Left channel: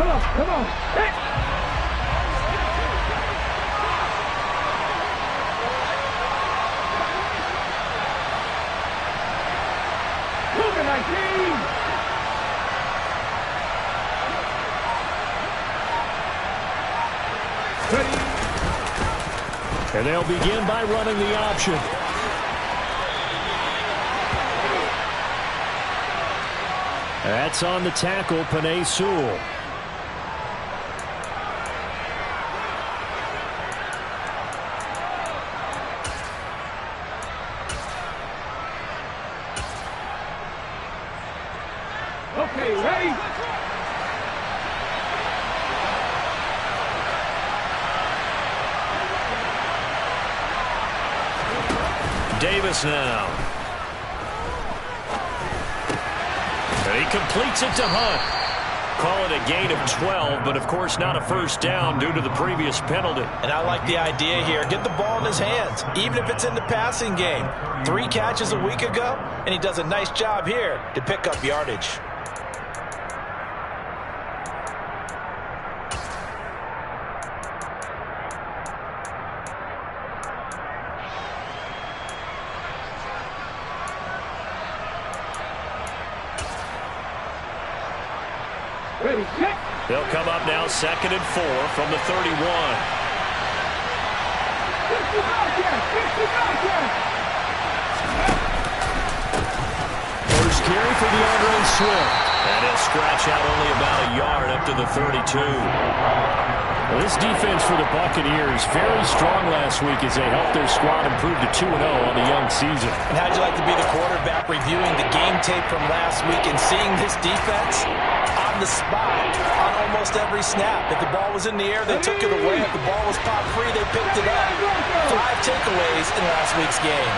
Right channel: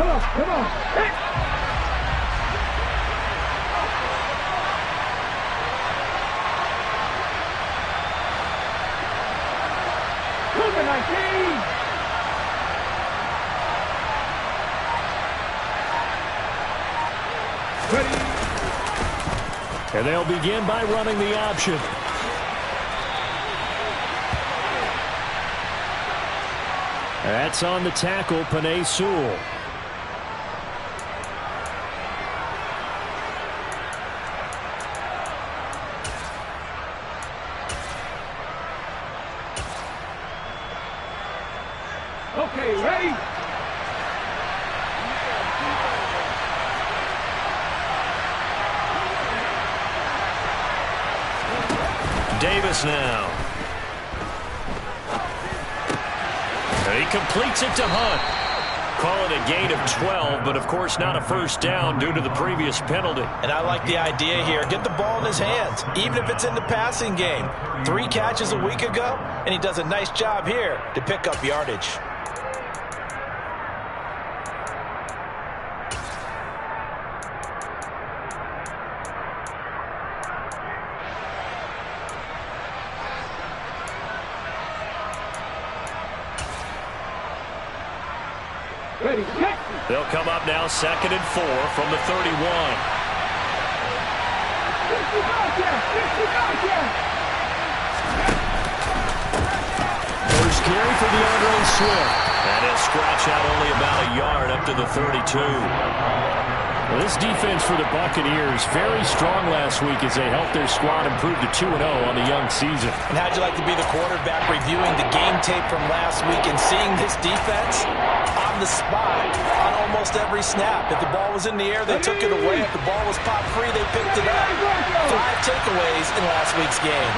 Come on. Hit. Cougar 19. Ready. And they'll begin by running the option. That's on the tackle, Penei Sewell. Okay, ready? Davis now. And he completes it to Hunt. Call it a gain of 12, but of course not a first down due to the previous penalty. And I like the idea here. Get the ball in his hands, even if it's in the passing game. 3 catches a week ago, and he does a nice job here to pick up yardage. Ready, hit. They'll come up now 2nd and 4 from the 31. 50 yards, yes. 50 yards, yes. First carry for DeAndre Swift. And he'll scratch out only about a yard up to the 32. Well, this defense for the Buccaneers very strong last week as they helped their squad improve to 2-0 on the young season. And how'd you like to be the quarterback reviewing the game tape from last week and seeing this defense on the spot on almost every snap? If the ball was in the air, they took it away. If the ball was popped free, they picked it up. 5 takeaways in last week's game.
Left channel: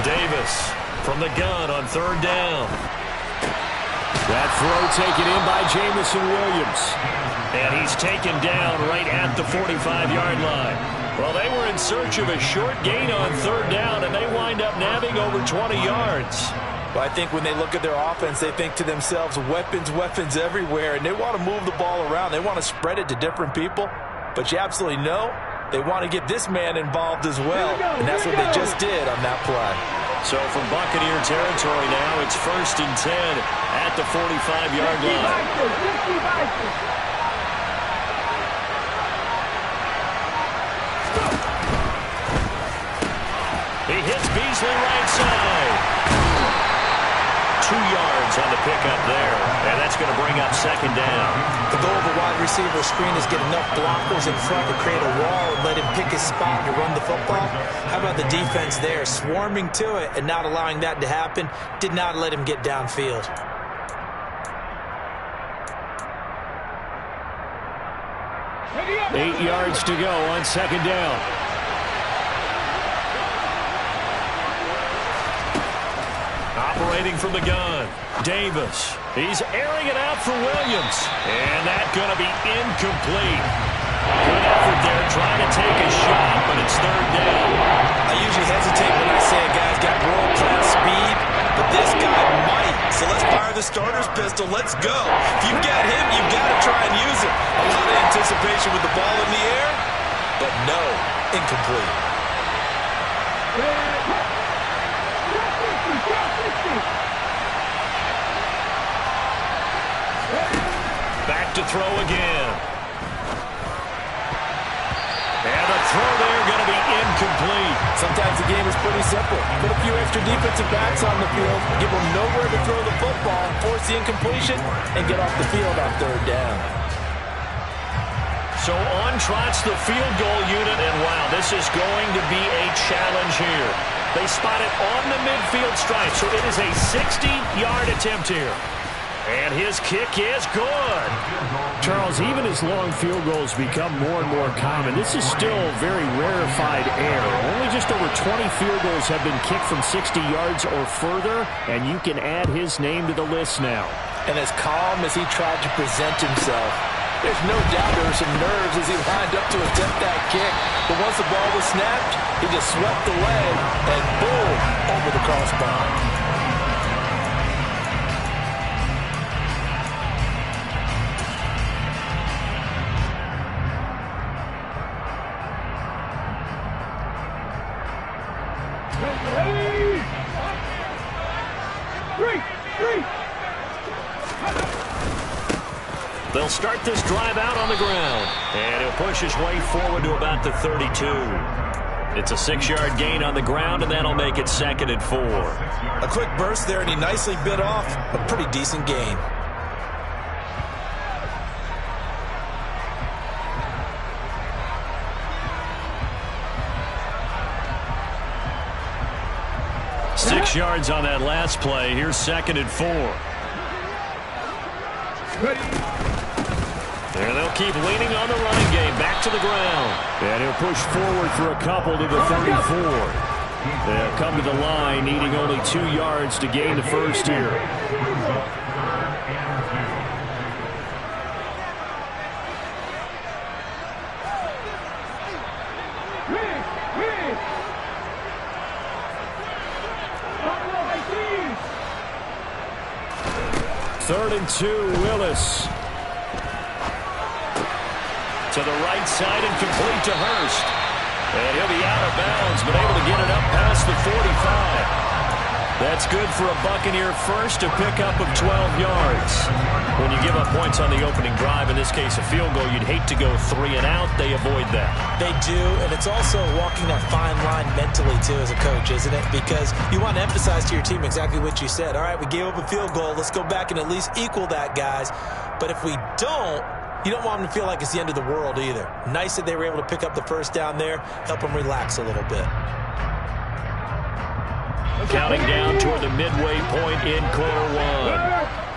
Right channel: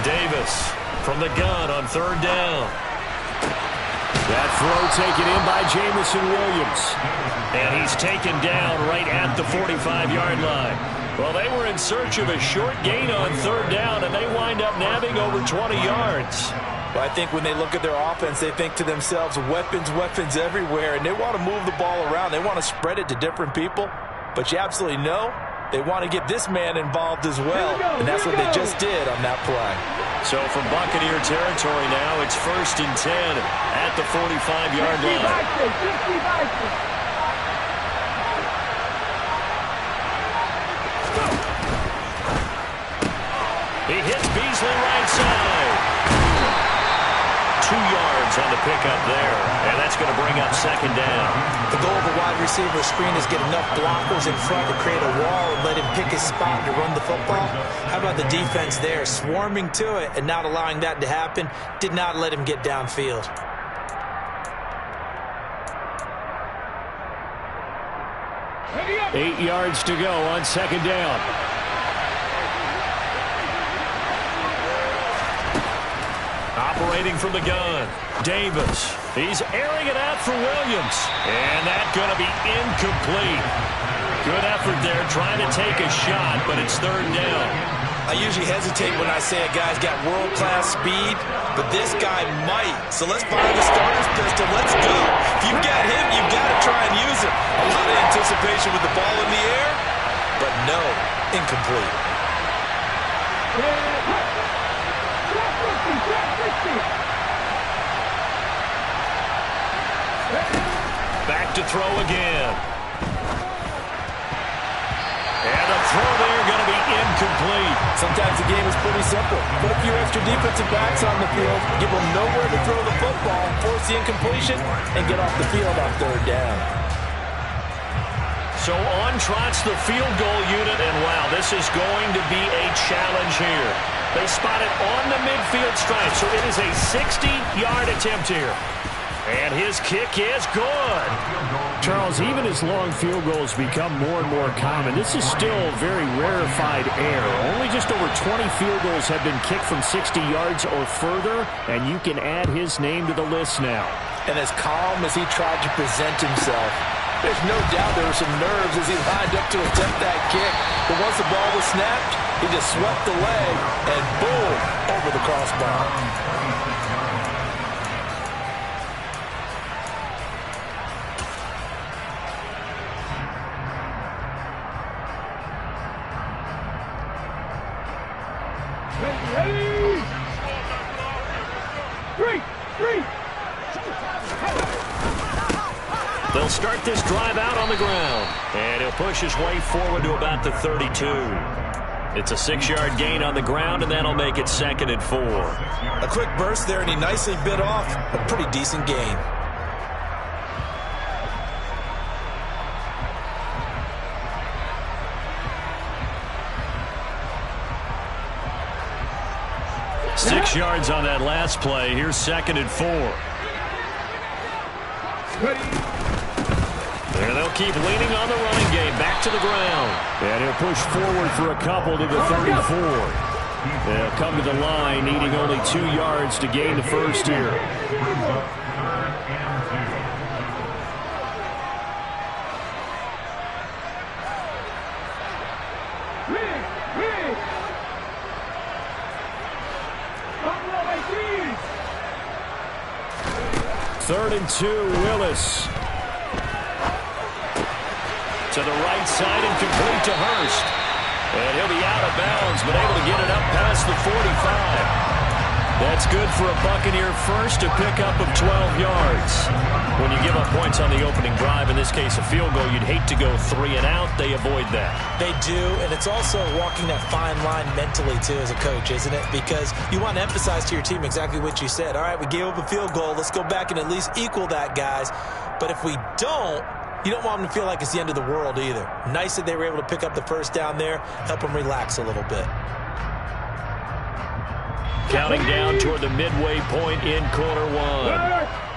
Davis from the gun on 3rd down. That throw taken in by Jamison Williams. And he's taken down right at the 45-yard line. Well, they were in search of a short gain on 3rd down, and they wind up nabbing over 20 yards. Well, I think when they look at their offense, they think to themselves, weapons, weapons everywhere, and they want to move the ball around. They want to spread it to different people. But you absolutely know they want to get this man involved as well, and that's what they just did on that play. So from Buccaneer territory now, it's 1st and 10 at the 45-yard line. He hits Beasley right side. 2 yards on the pickup there, and that's going to bring up 2nd down. The goal of a wide receiver screen is get enough blockers in front to create a wall and let him pick his spot to run the football. How about the defense there, swarming to it and not allowing that to happen? Did not let him get downfield. Eight yards to go on 2nd down. Operating from the gun, Davis. He's airing it out for Williams. And that's going to be incomplete. Good effort there trying to take a shot, but it's 3rd down. I usually hesitate when I say a guy's got world-class speed, but this guy might. So let's fire the starter's pistol. Let's go. If you've got him, you've got to try and use it. A lot of anticipation with the ball in the air, but no, incomplete. Back to throw again. And the throw there going to be incomplete. Sometimes the game is pretty simple. Put a few extra defensive backs on the field, give them nowhere to throw the football, force the incompletion, and get off the field on 3rd down. So on trots the field goal unit, and wow, this is going to be a challenge here. They spot it on the midfield stripe, so it is a 60-yard attempt here. And his kick is good. Charles, even as long field goals become more and more common, this is still very rarefied air. Only just over 20 field goals have been kicked from 60 yards or further, and you can add his name to the list now. And as calm as he tried to present himself, there's no doubt there were some nerves as he lined up to attempt that kick. But once the ball was snapped, he just swept the leg and boom, over the crossbar. Ready? Three. They'll start this drive out on the ground. And he'll push his way forward to about the 32. It's a 6-yard gain on the ground, and that'll make it 2nd and 4. A quick burst there, and he nicely bit off a pretty decent gain. Six yards on that last play. Here's 2nd and 4. And they'll keep leaning on the running game. Back to the ground. And he'll push forward for a couple to the 34. They'll come to the line, needing only 2 yards to gain the first here. Third and 2, Willis. To the right side and complete to Hurst. And he'll be out of bounds, but able to get it up past the 45. That's good for a Buccaneer first, to pick up of 12 yards. When you give up points on the opening drive, in this case a field goal, you'd hate to go 3 and out. They avoid that. They do, and it's also walking that fine line mentally, too, as a coach, isn't it? Because you want to emphasize to your team exactly what you said. All right, we gave up a field goal. Let's go back and at least equal that, guys. But if we don't, you don't want them to feel like it's the end of the world either. Nice that they were able to pick up the first down there, help them relax a little bit. Counting down toward the midway point in quarter 1.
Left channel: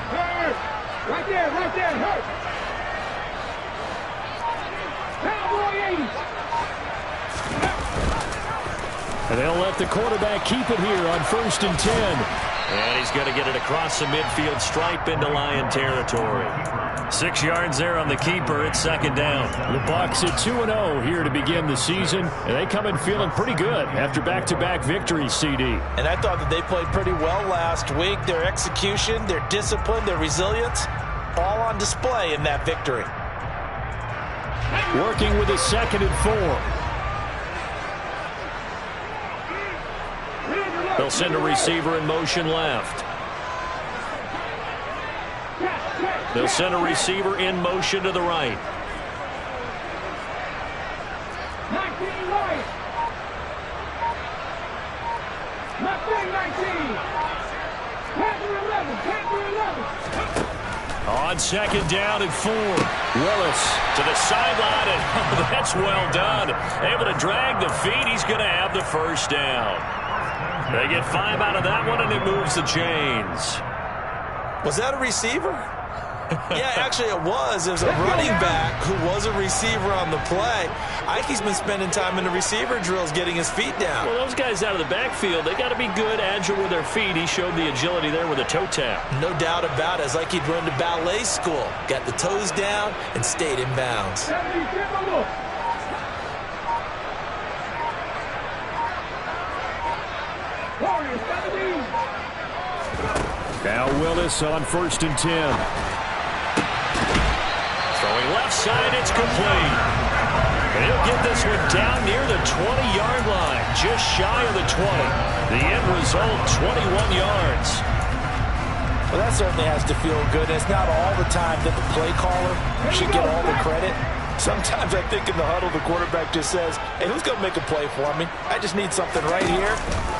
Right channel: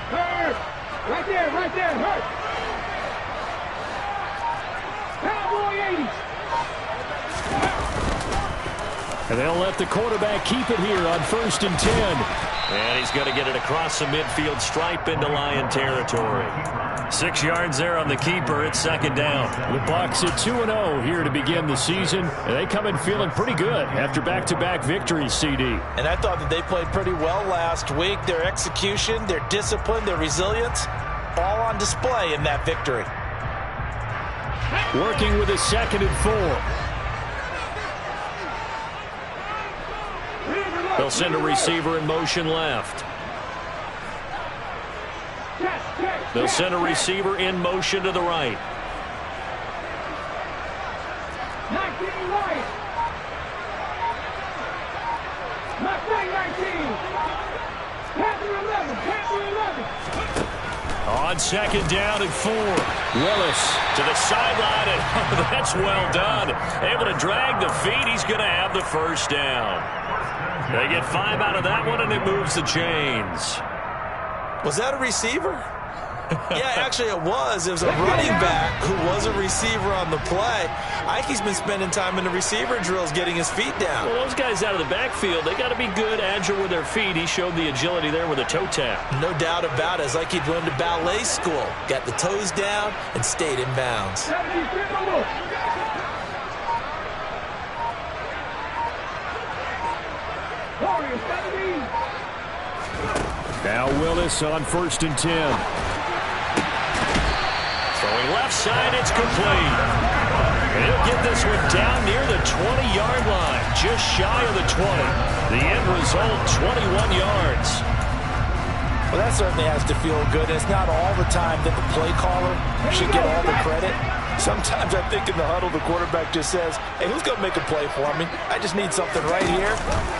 Hurt. Right there, hurt. Cowboy 80s. And they'll let the quarterback keep it here on 1st and 10. And he's going to get it across the midfield stripe into Lion territory. 6 yards there on the keeper. It's 2nd down. The Bucs at 2-0 here to begin the season. And they come in feeling pretty good after back-to-back victories, CD. And I thought that they played pretty well last week. Their execution, their discipline, their resilience, all on display in that victory. Working with a 2nd and 4. They'll send a receiver in motion left. They'll send a receiver in motion to the right. 19 right. Mustang 19. Panther 11. On 2nd down and 4. Willis to the sideline, and that's well done. Able to drag the feet. He's going to have the first down. They get 5 out of that one, and it moves the chains. Was that a receiver? Yeah, actually it was. It was a running back who was a receiver on the play. I think he's been spending time in the receiver drills getting his feet down. Well, those guys out of the backfield, they got to be good, agile with their feet. He showed the agility there with a toe tap. No doubt about it. It's like he'd run to ballet school. Got the toes down and stayed in bounds. Now Willis on 1st and 10. Throwing left side, it's complete. And he'll get this one down near the 20-yard line, just shy of the 20. The end result, 21 yards. Well, that certainly has to feel good. And it's not all the time that the play caller should get all the credit. Sometimes I think in the huddle, the quarterback just says, hey, who's going to make a play for me? I just need something right here.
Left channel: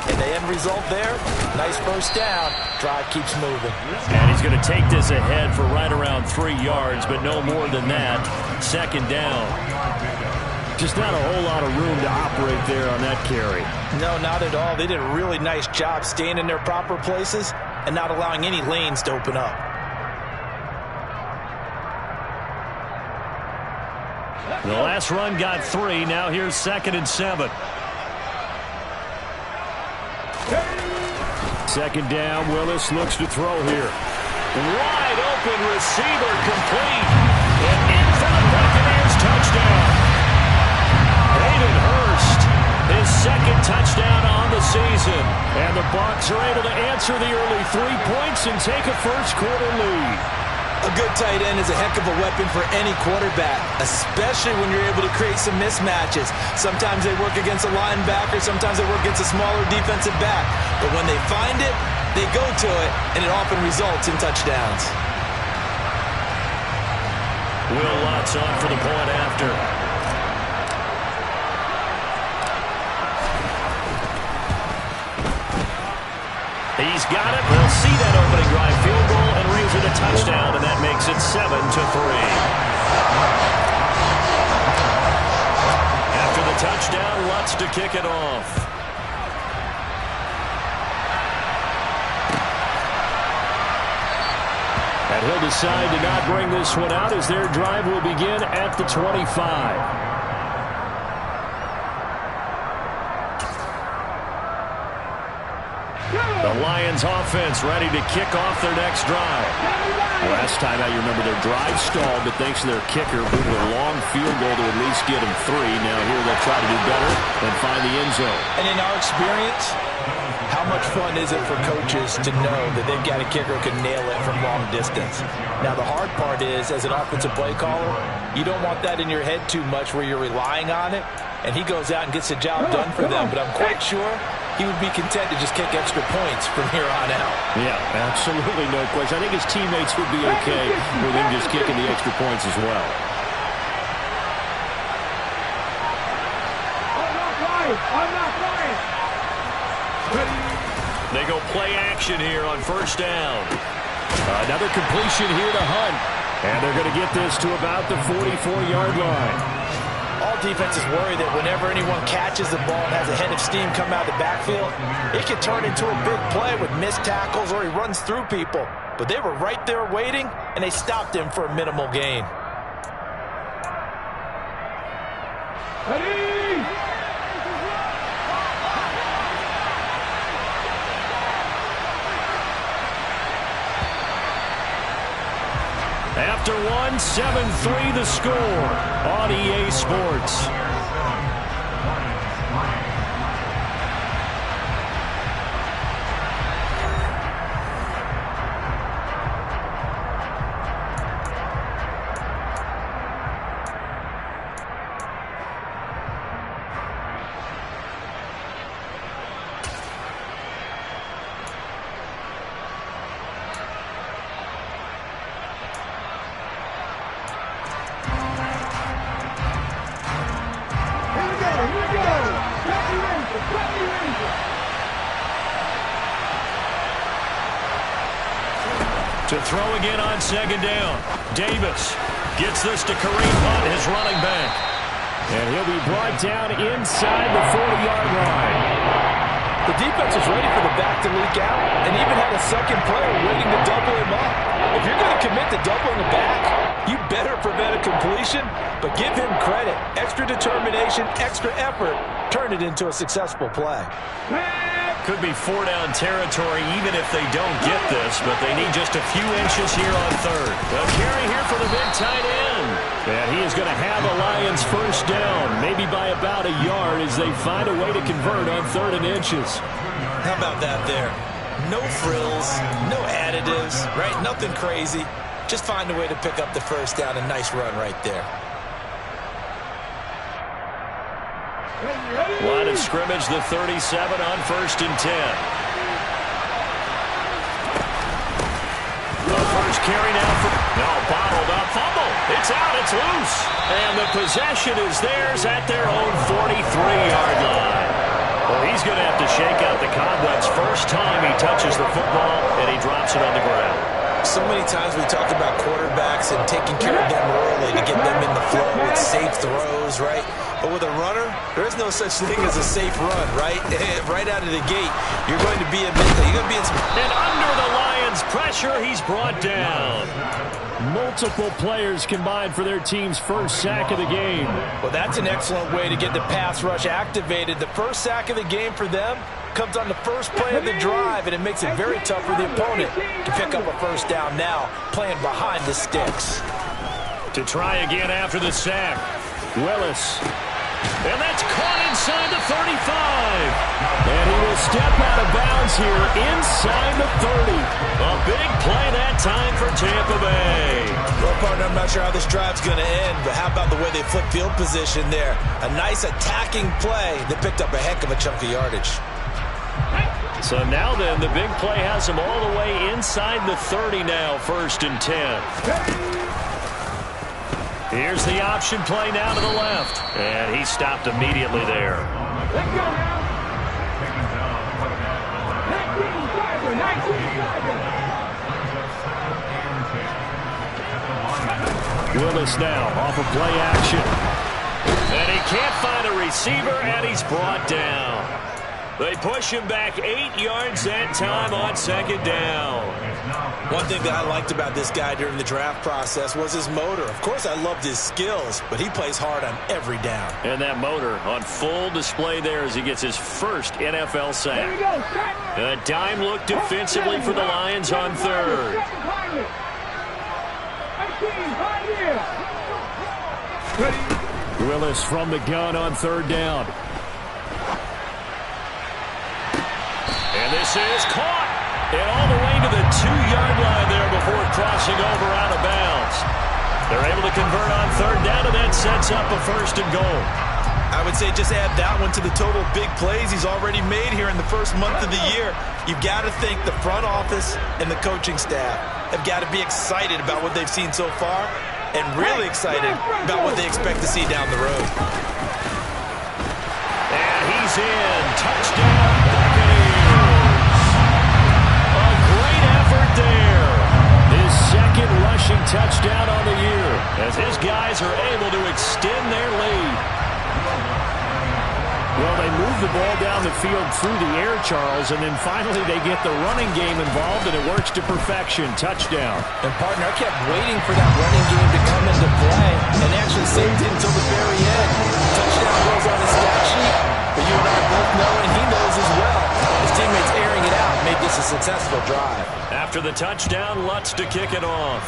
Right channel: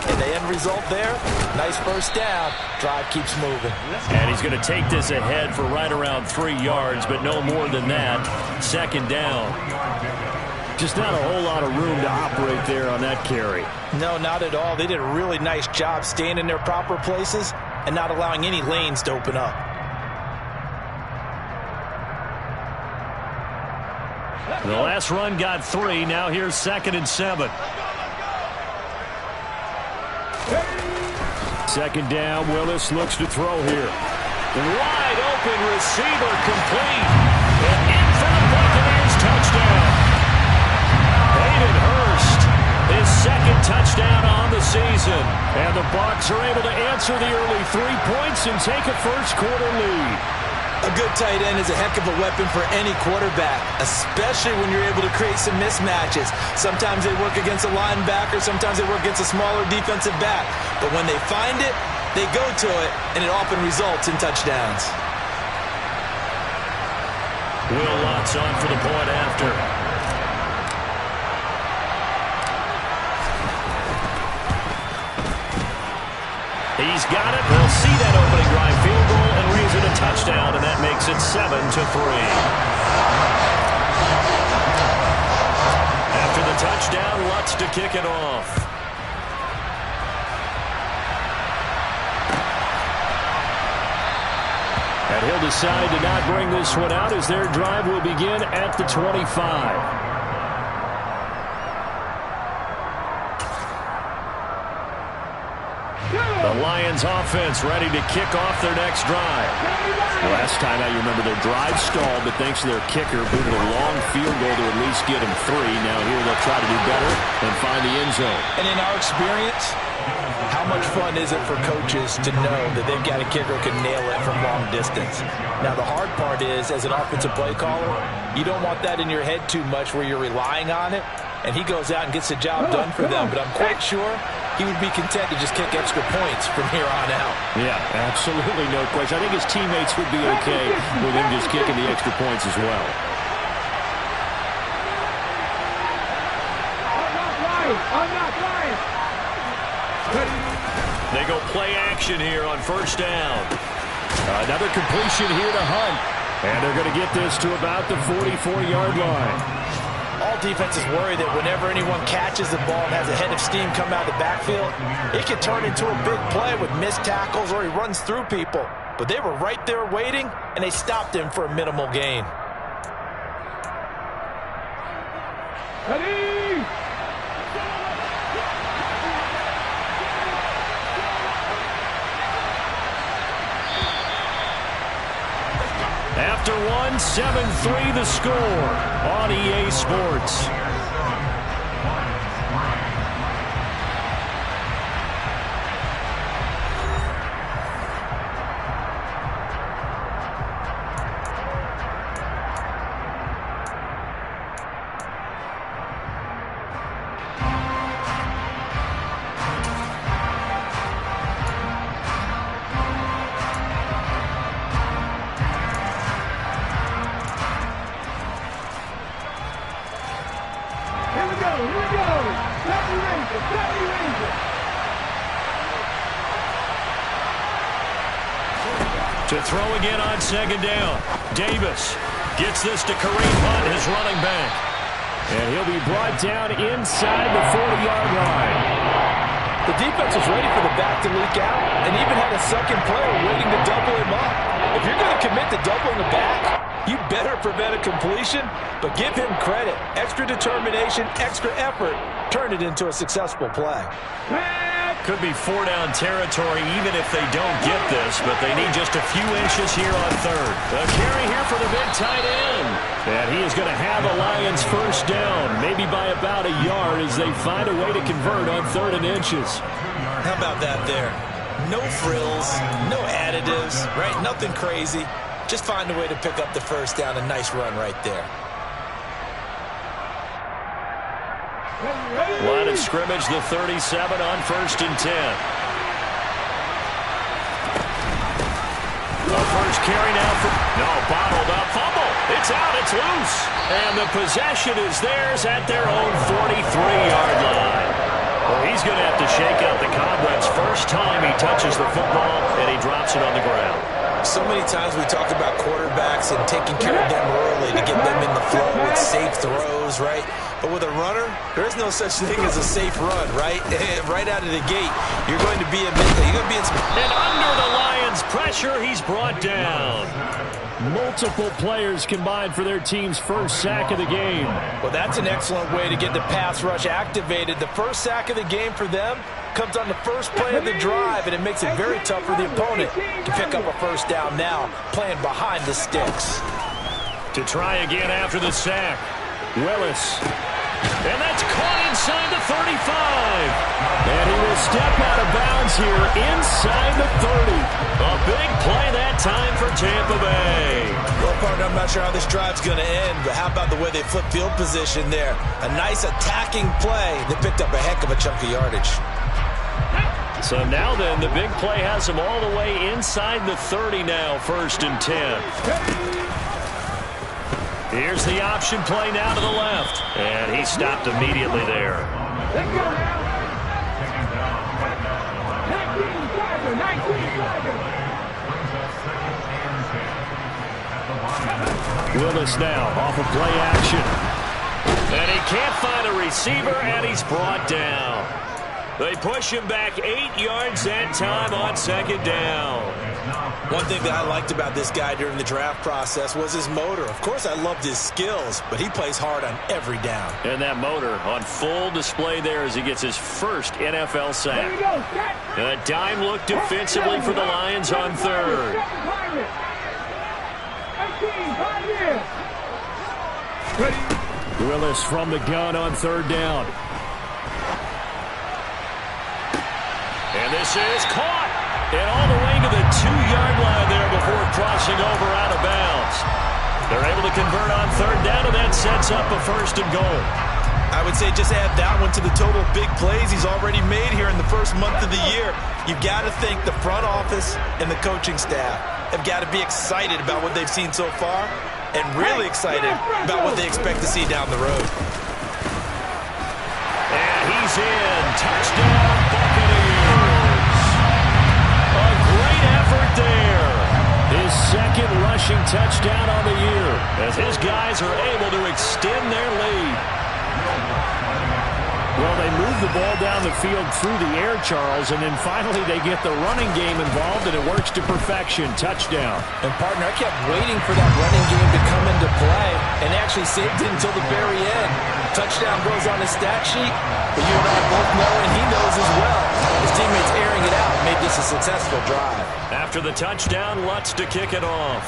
And the end result there, nice first down. Drive keeps moving. And he's going to take this ahead for right around 3 yards, but no more than that. 2nd down. Just not a whole lot of room to operate there on that carry. No, not at all. They did a really nice job staying in their proper places and not allowing any lanes to open up. The last run got 3. Now here's 2nd and 7. 2nd down. Willis looks to throw here. Wide open receiver complete. And in for the Buccaneers touchdown. Hayden Hurst, his 2nd touchdown on the season. And the Bucs are able to answer the early 3 points and take a first quarter lead. A good tight end is a heck of a weapon for any quarterback, especially when you're able to create some mismatches. Sometimes they work against a linebacker, sometimes they work against a smaller defensive back. But when they find it, they go to it, and it often results in touchdowns. Will Lutz on for the point after. He's got it. They'll see that opening drive field goal and raise it a touchdown, and that makes it 7-3. After the touchdown, Lutz to kick it off. And he'll decide to not bring this one out as their drive will begin at the 25. The Lions offense ready to kick off their next drive. Last time out, you remember their drive stalled, but thanks to their kicker, booted a long field goal to at least get them 3. Now here they'll try to do better and find the end zone. And in our experience, how much fun is it for coaches to know that they've got a kicker who can nail it from long distance? Now, the hard part is, as an offensive play caller, you don't want that in your head too much where you're relying on it, and he goes out and gets the job done for them. But I'm quite sure he would be content to just kick extra points from here on out. Yeah, absolutely no question. I think his teammates would be okay with him just kicking the extra points as well. I'm not lying. They go play action here on first down. Another completion here to Hunt. And they're going to get this to about the 44-yard line. All defenses worry that whenever anyone catches the ball and has a head of steam come out of the backfield, it can turn into a big play with missed tackles or he runs through people. But they were right there waiting, and they stopped him for a minimal gain. Ready? After one, 7-3 the score on EA Sports. To throw again on second down. Davis gets this to Kareem Hunt, his running back. And he'll be brought down inside the 40-yard line. The defense was ready for the back to leak out and even had a second player waiting to double him up. If you're going to commit to doubling the back, you better prevent a completion, but give him credit. Extra determination, extra effort, turn it into a successful play. Could be 4-down territory even if they don't get this, but they need just a few inches here on third. A carry here for the big tight end. And he is going to have the Lions first down, maybe by about a yard as they find a way to convert on 3rd and inches. How about that there? No frills, no additives, right? Nothing crazy. Just find a way to pick up the first down. A nice run right there. Line of scrimmage, the 37 on 1st and 10. The first carry now for... No, bottled up. Fumble. It's out. It's loose. And the possession is theirs at their own 43-yard line. Well, he's going to have to shake out the cobwebs first time he touches the football, and he drops it on the ground. So many times we talked about quarterbacks and taking care of them early to get them in the flow with safe throws, right? But with a runner, there is no such thing as a safe run, right? Right out of the gate, you're going to be in some... And under the Lions' pressure, he's brought down. Multiple players combined for their team's first sack of the game. Well, that's an excellent way to get the pass rush activated. The first sack of the game for them comes on the first play of the drive, and it makes it very tough for the opponent to pick up a first down now, playing behind the sticks. To try again after the sack, Willis. And that's caught inside the 35. And he will will step out of bounds here inside the 30. A big play that time for Tampa Bay. Well, partner, I'm not sure how this drive's going to end, but how about the way they flip field position there? A nice attacking play that picked up a heck of a chunk of yardage. So now then, the big play has him all the way inside the 30 now, 1st and 10. Here's the option play now to the left. And he stopped immediately there. Let's go now. 19 seconds. Willis now off of play action. And he can't find a receiver, and he's brought down. They push him back 8 yards that time on 2nd down. One thing that I liked about this guy during the draft process was his motor. Of course, I loved his skills, but he plays hard on every down. And that motor on full display there as he gets his first NFL sack. A dime look defensively for the Lions on 3rd. Willis from the gun on 3rd down. And this is caught. And all the way to the 2-yard line there before crossing over out of bounds. They're able to convert on 3rd down, and that sets up a 1st and goal. I would say just add that one to the total big plays he's already made here in the first month of the year. You've got to think the front office and the coaching staff have got to be excited about what they've seen so far and really excited about what they expect to see down the road. And he's in. Touchdown, Buccaneers. A great effort there. His 2nd rushing touchdown on the year as his guys are able to extend their lead. Well, they move the ball down the field through the air, Charles, and then finally they get the running game involved, and it works to perfection. Touchdown. And, partner, I kept waiting for that running game to come into play and actually saved it until the very end. Touchdown goes on his stat sheet, but you and I both know, and he knows as well, his teammates airing it out made this a successful drive. After the touchdown, Lutz to kick it off.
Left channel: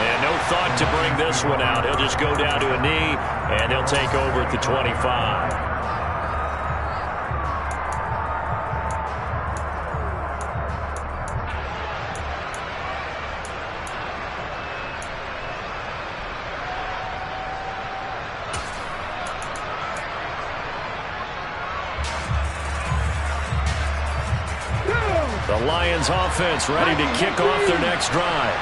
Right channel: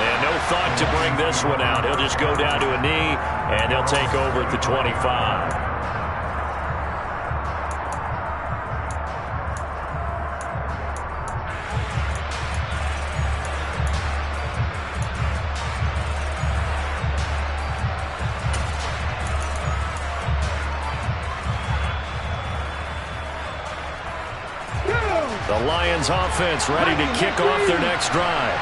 And no thought to bring this one out. He'll just go down to a knee, and they'll take over at the 25. The Lions offense ready to kick off their next drive.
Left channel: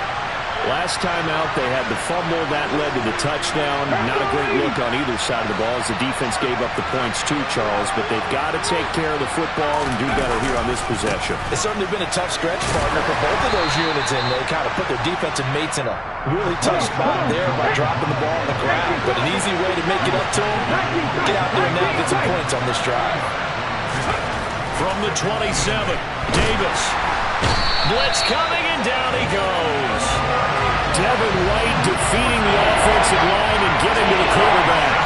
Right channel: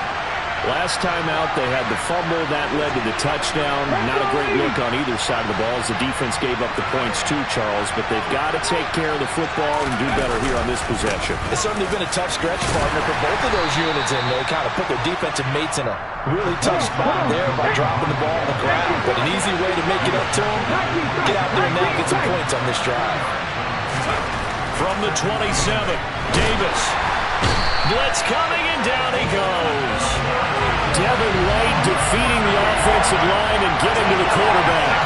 Last time out, they had the fumble. That led to the touchdown. Not a great look on either side of the ball as the defense gave up the points too, Charles. But they've got to take care of the football and do better here on this possession. It's certainly been a tough stretch, partner, for both of those units, and they kind of put their defensive mates in a really tough spot there by dropping the ball on the ground. But an easy way to make it up to them, get out there now and get some points on this drive. From the 27, Davis. Blitz coming, and down he goes. Devin White defeating the offensive line and getting to the quarterback.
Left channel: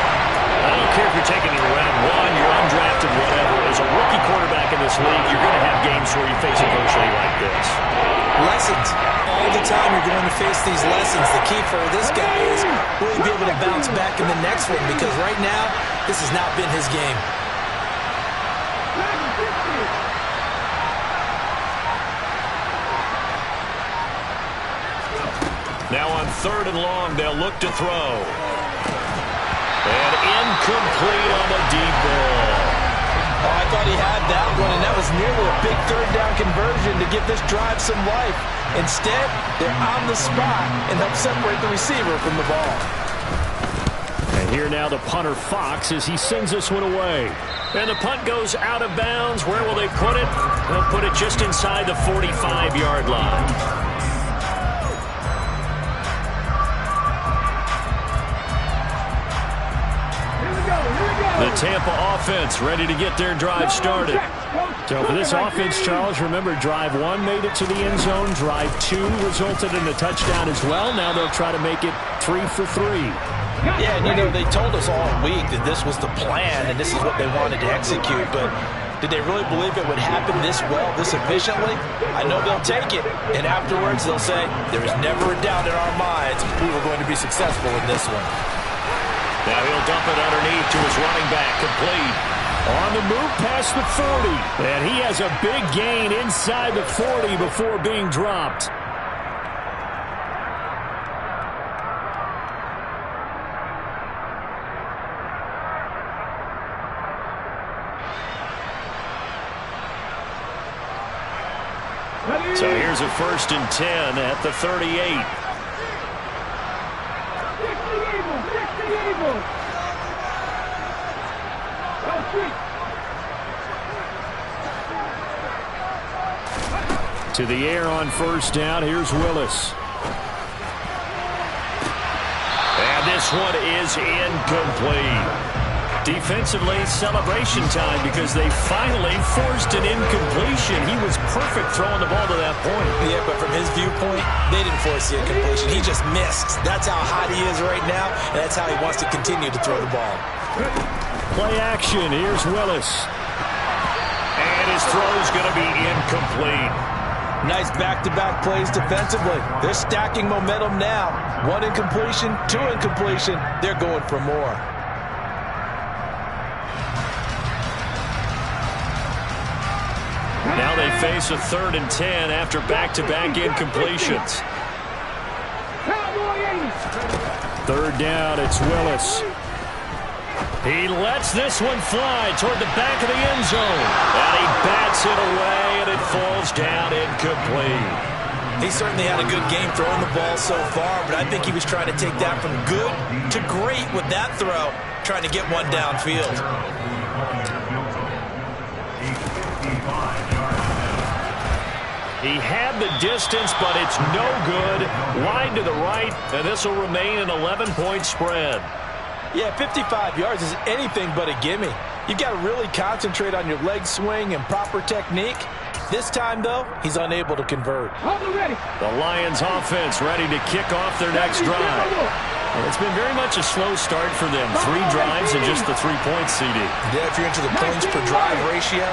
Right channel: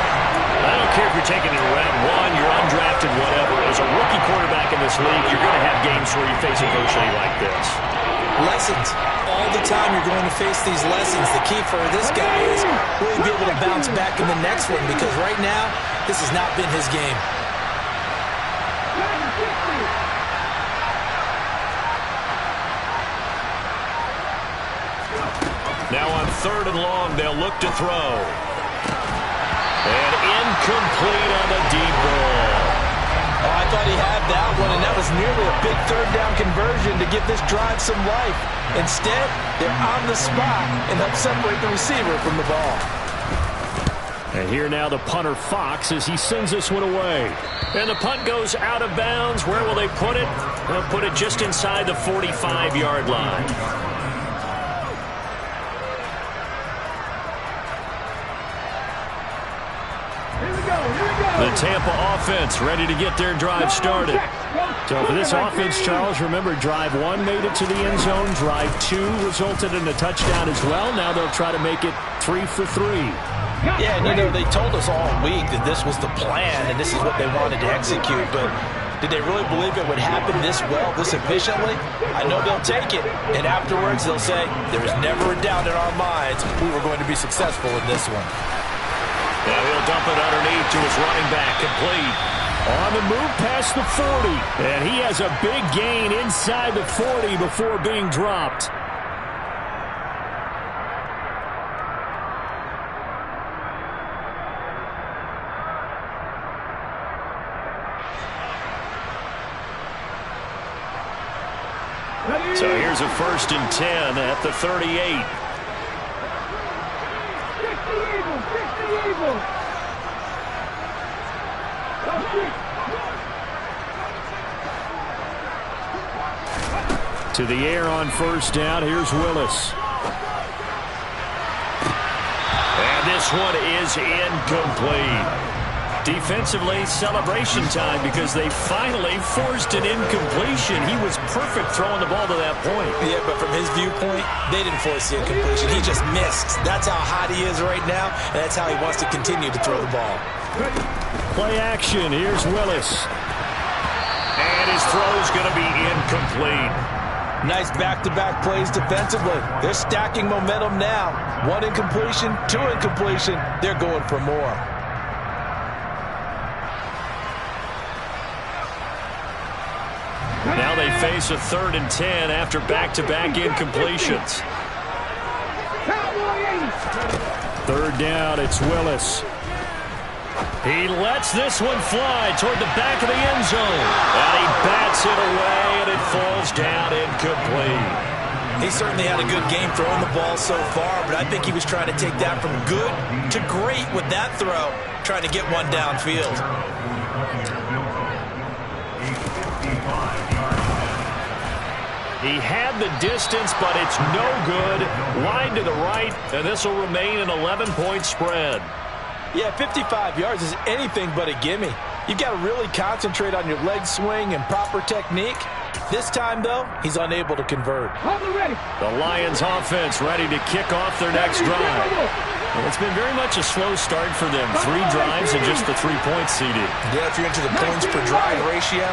I don't care if you're taking it in round 1, you're undrafted, whatever. As a rookie quarterback in this league, you're going to have games where you face adversity like this. Lessons. All the time you're going to face these lessons. The key for this guy is will he be able to bounce back in the next one, because right now, this has not been his game. Now on 3rd and long, they'll look to throw. And incomplete on the deep ball. Oh, I thought he had that one, and that was nearly a big 3rd down conversion to give this drive some life. Instead, they're on the spot and help separate the receiver from the ball. And here now the punter Fox as he sends this one away. And the punt goes out of bounds. Where will they put it? They'll put it just inside the 45-yard line. The Tampa offense ready to get their drive started. So for this offense, Charles, remember drive 1 made it to the end zone. Drive 2 resulted in a touchdown as well. Now they'll try to make it 3 for 3. Yeah, and you know, they told us all week that this was the plan and this is what they wanted to execute, but did they really believe it would happen this well, this efficiently? I know they'll take it, and afterwards they'll say, there was never a doubt in our minds we were going to be successful in this one. Now he'll dump it underneath to his running back, complete. On the move past the 40. And he has a big gain inside the 40 before being dropped. So here's a 1st and 10 at the 38. To the air on 1st down. Here's Willis. And this one is incomplete. Defensively, celebration time because they finally forced an incompletion. He was perfect throwing the ball to that point. Yeah, but from his viewpoint, they didn't force the incompletion. He just missed. That's how hot he is right now, and that's how he wants to continue to throw the ball. Play action. Here's Willis. And his throw's going to be incomplete. Nice back-to-back plays defensively. They're stacking momentum now. 1 incompletion, 2 incompletion. They're going for more. Now they face a 3rd and 10 after back-to-back incompletions. 3rd down, it's Willis. He lets this one fly toward the back of the end zone. And he bats it away, and it falls down incomplete. He certainly had a good game throwing the ball so far, but I think he was trying to take that from good to great with that throw, trying to get one downfield. He had the distance, but it's no good. Wide to the right, and this will remain an 11-point spread. Yeah, 55 yards is anything but a gimme. You've got to really concentrate on your leg swing and proper technique. This time, though, he's unable to convert. The Lions offense ready to kick off their next drive. And it's been very much a slow start for them. 3 drives and just the 3 points, CD. Yeah, if you're into the points per drive ratio,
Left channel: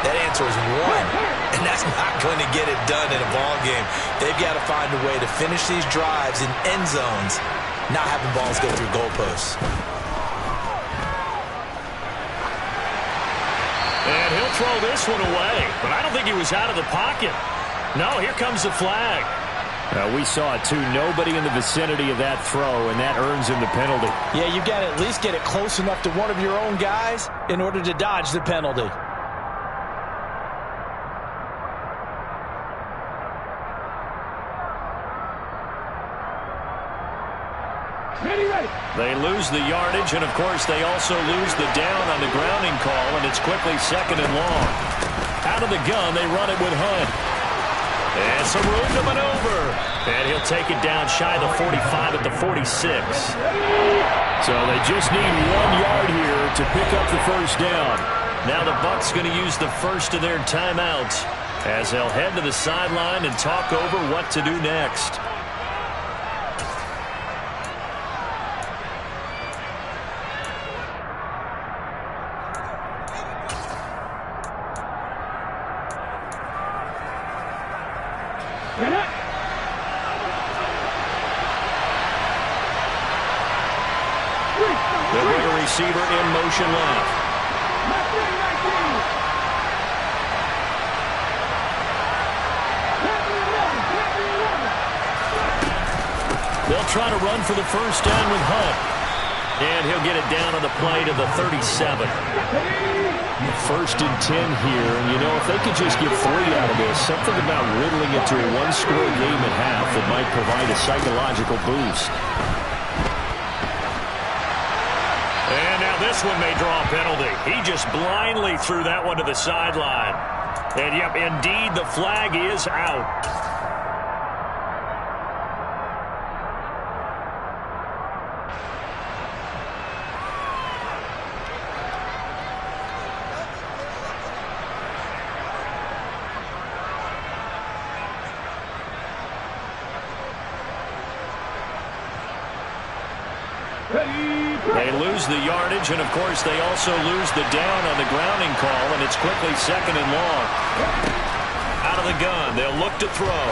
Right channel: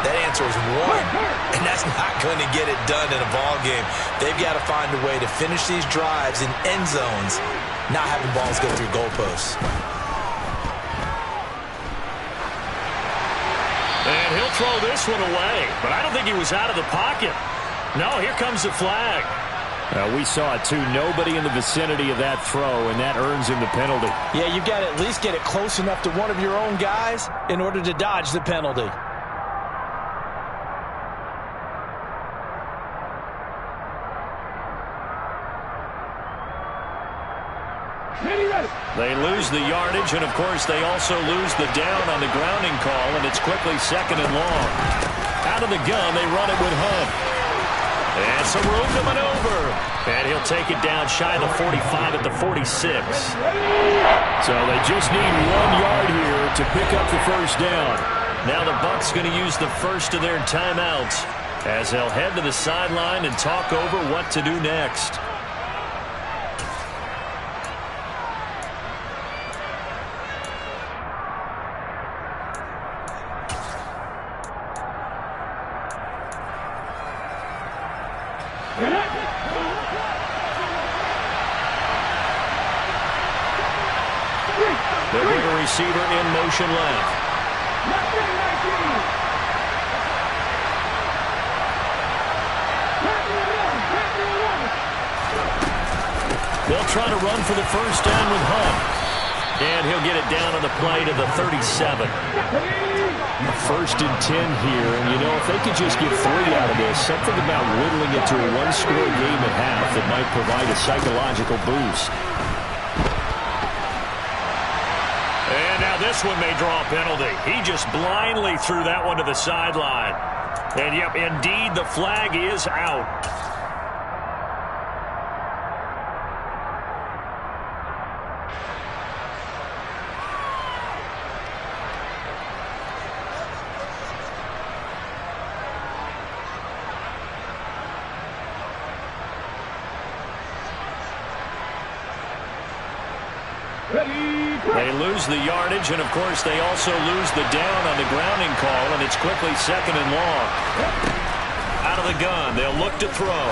that answer is 1. And that's not going to get it done in a ball game. They've got to find a way to finish these drives in end zones, not having balls go through goalposts. And he'll throw this one away, but I don't think he was out of the pocket. No, here comes the flag. We saw it too. Nobody in the vicinity of that throw, and that earns him the penalty. Yeah, you've got to at least get it close enough to one of your own guys in order to dodge the penalty. They lose the yardage, and of course they also lose the down on the grounding call, and it's quickly 2nd and long. Out of the gun, they run it with Hunt. And some room to maneuver. And he'll take it down shy of the 45 at the 46. So they just need 1 yard here to pick up the 1st down. Now the Bucs going to use the first of their timeouts as they'll head to the sideline and talk over what to do next. They'll bring a receiver in motion left. They'll try to run for the 1st down with Hunt. And he'll get it down on the play to the 37. A 1st and 10 here. And, you know, if they could just get 3 out of this, something about whittling it to a 1-score game at half that might provide a psychological boost. And now this one may draw a penalty. He just blindly threw that one to the sideline. And, yep, indeed, the flag is out. They lose the yardage, and, of course, they also lose the down on the grounding call, and it's quickly 2nd and long. Out of the gun, they'll look to throw.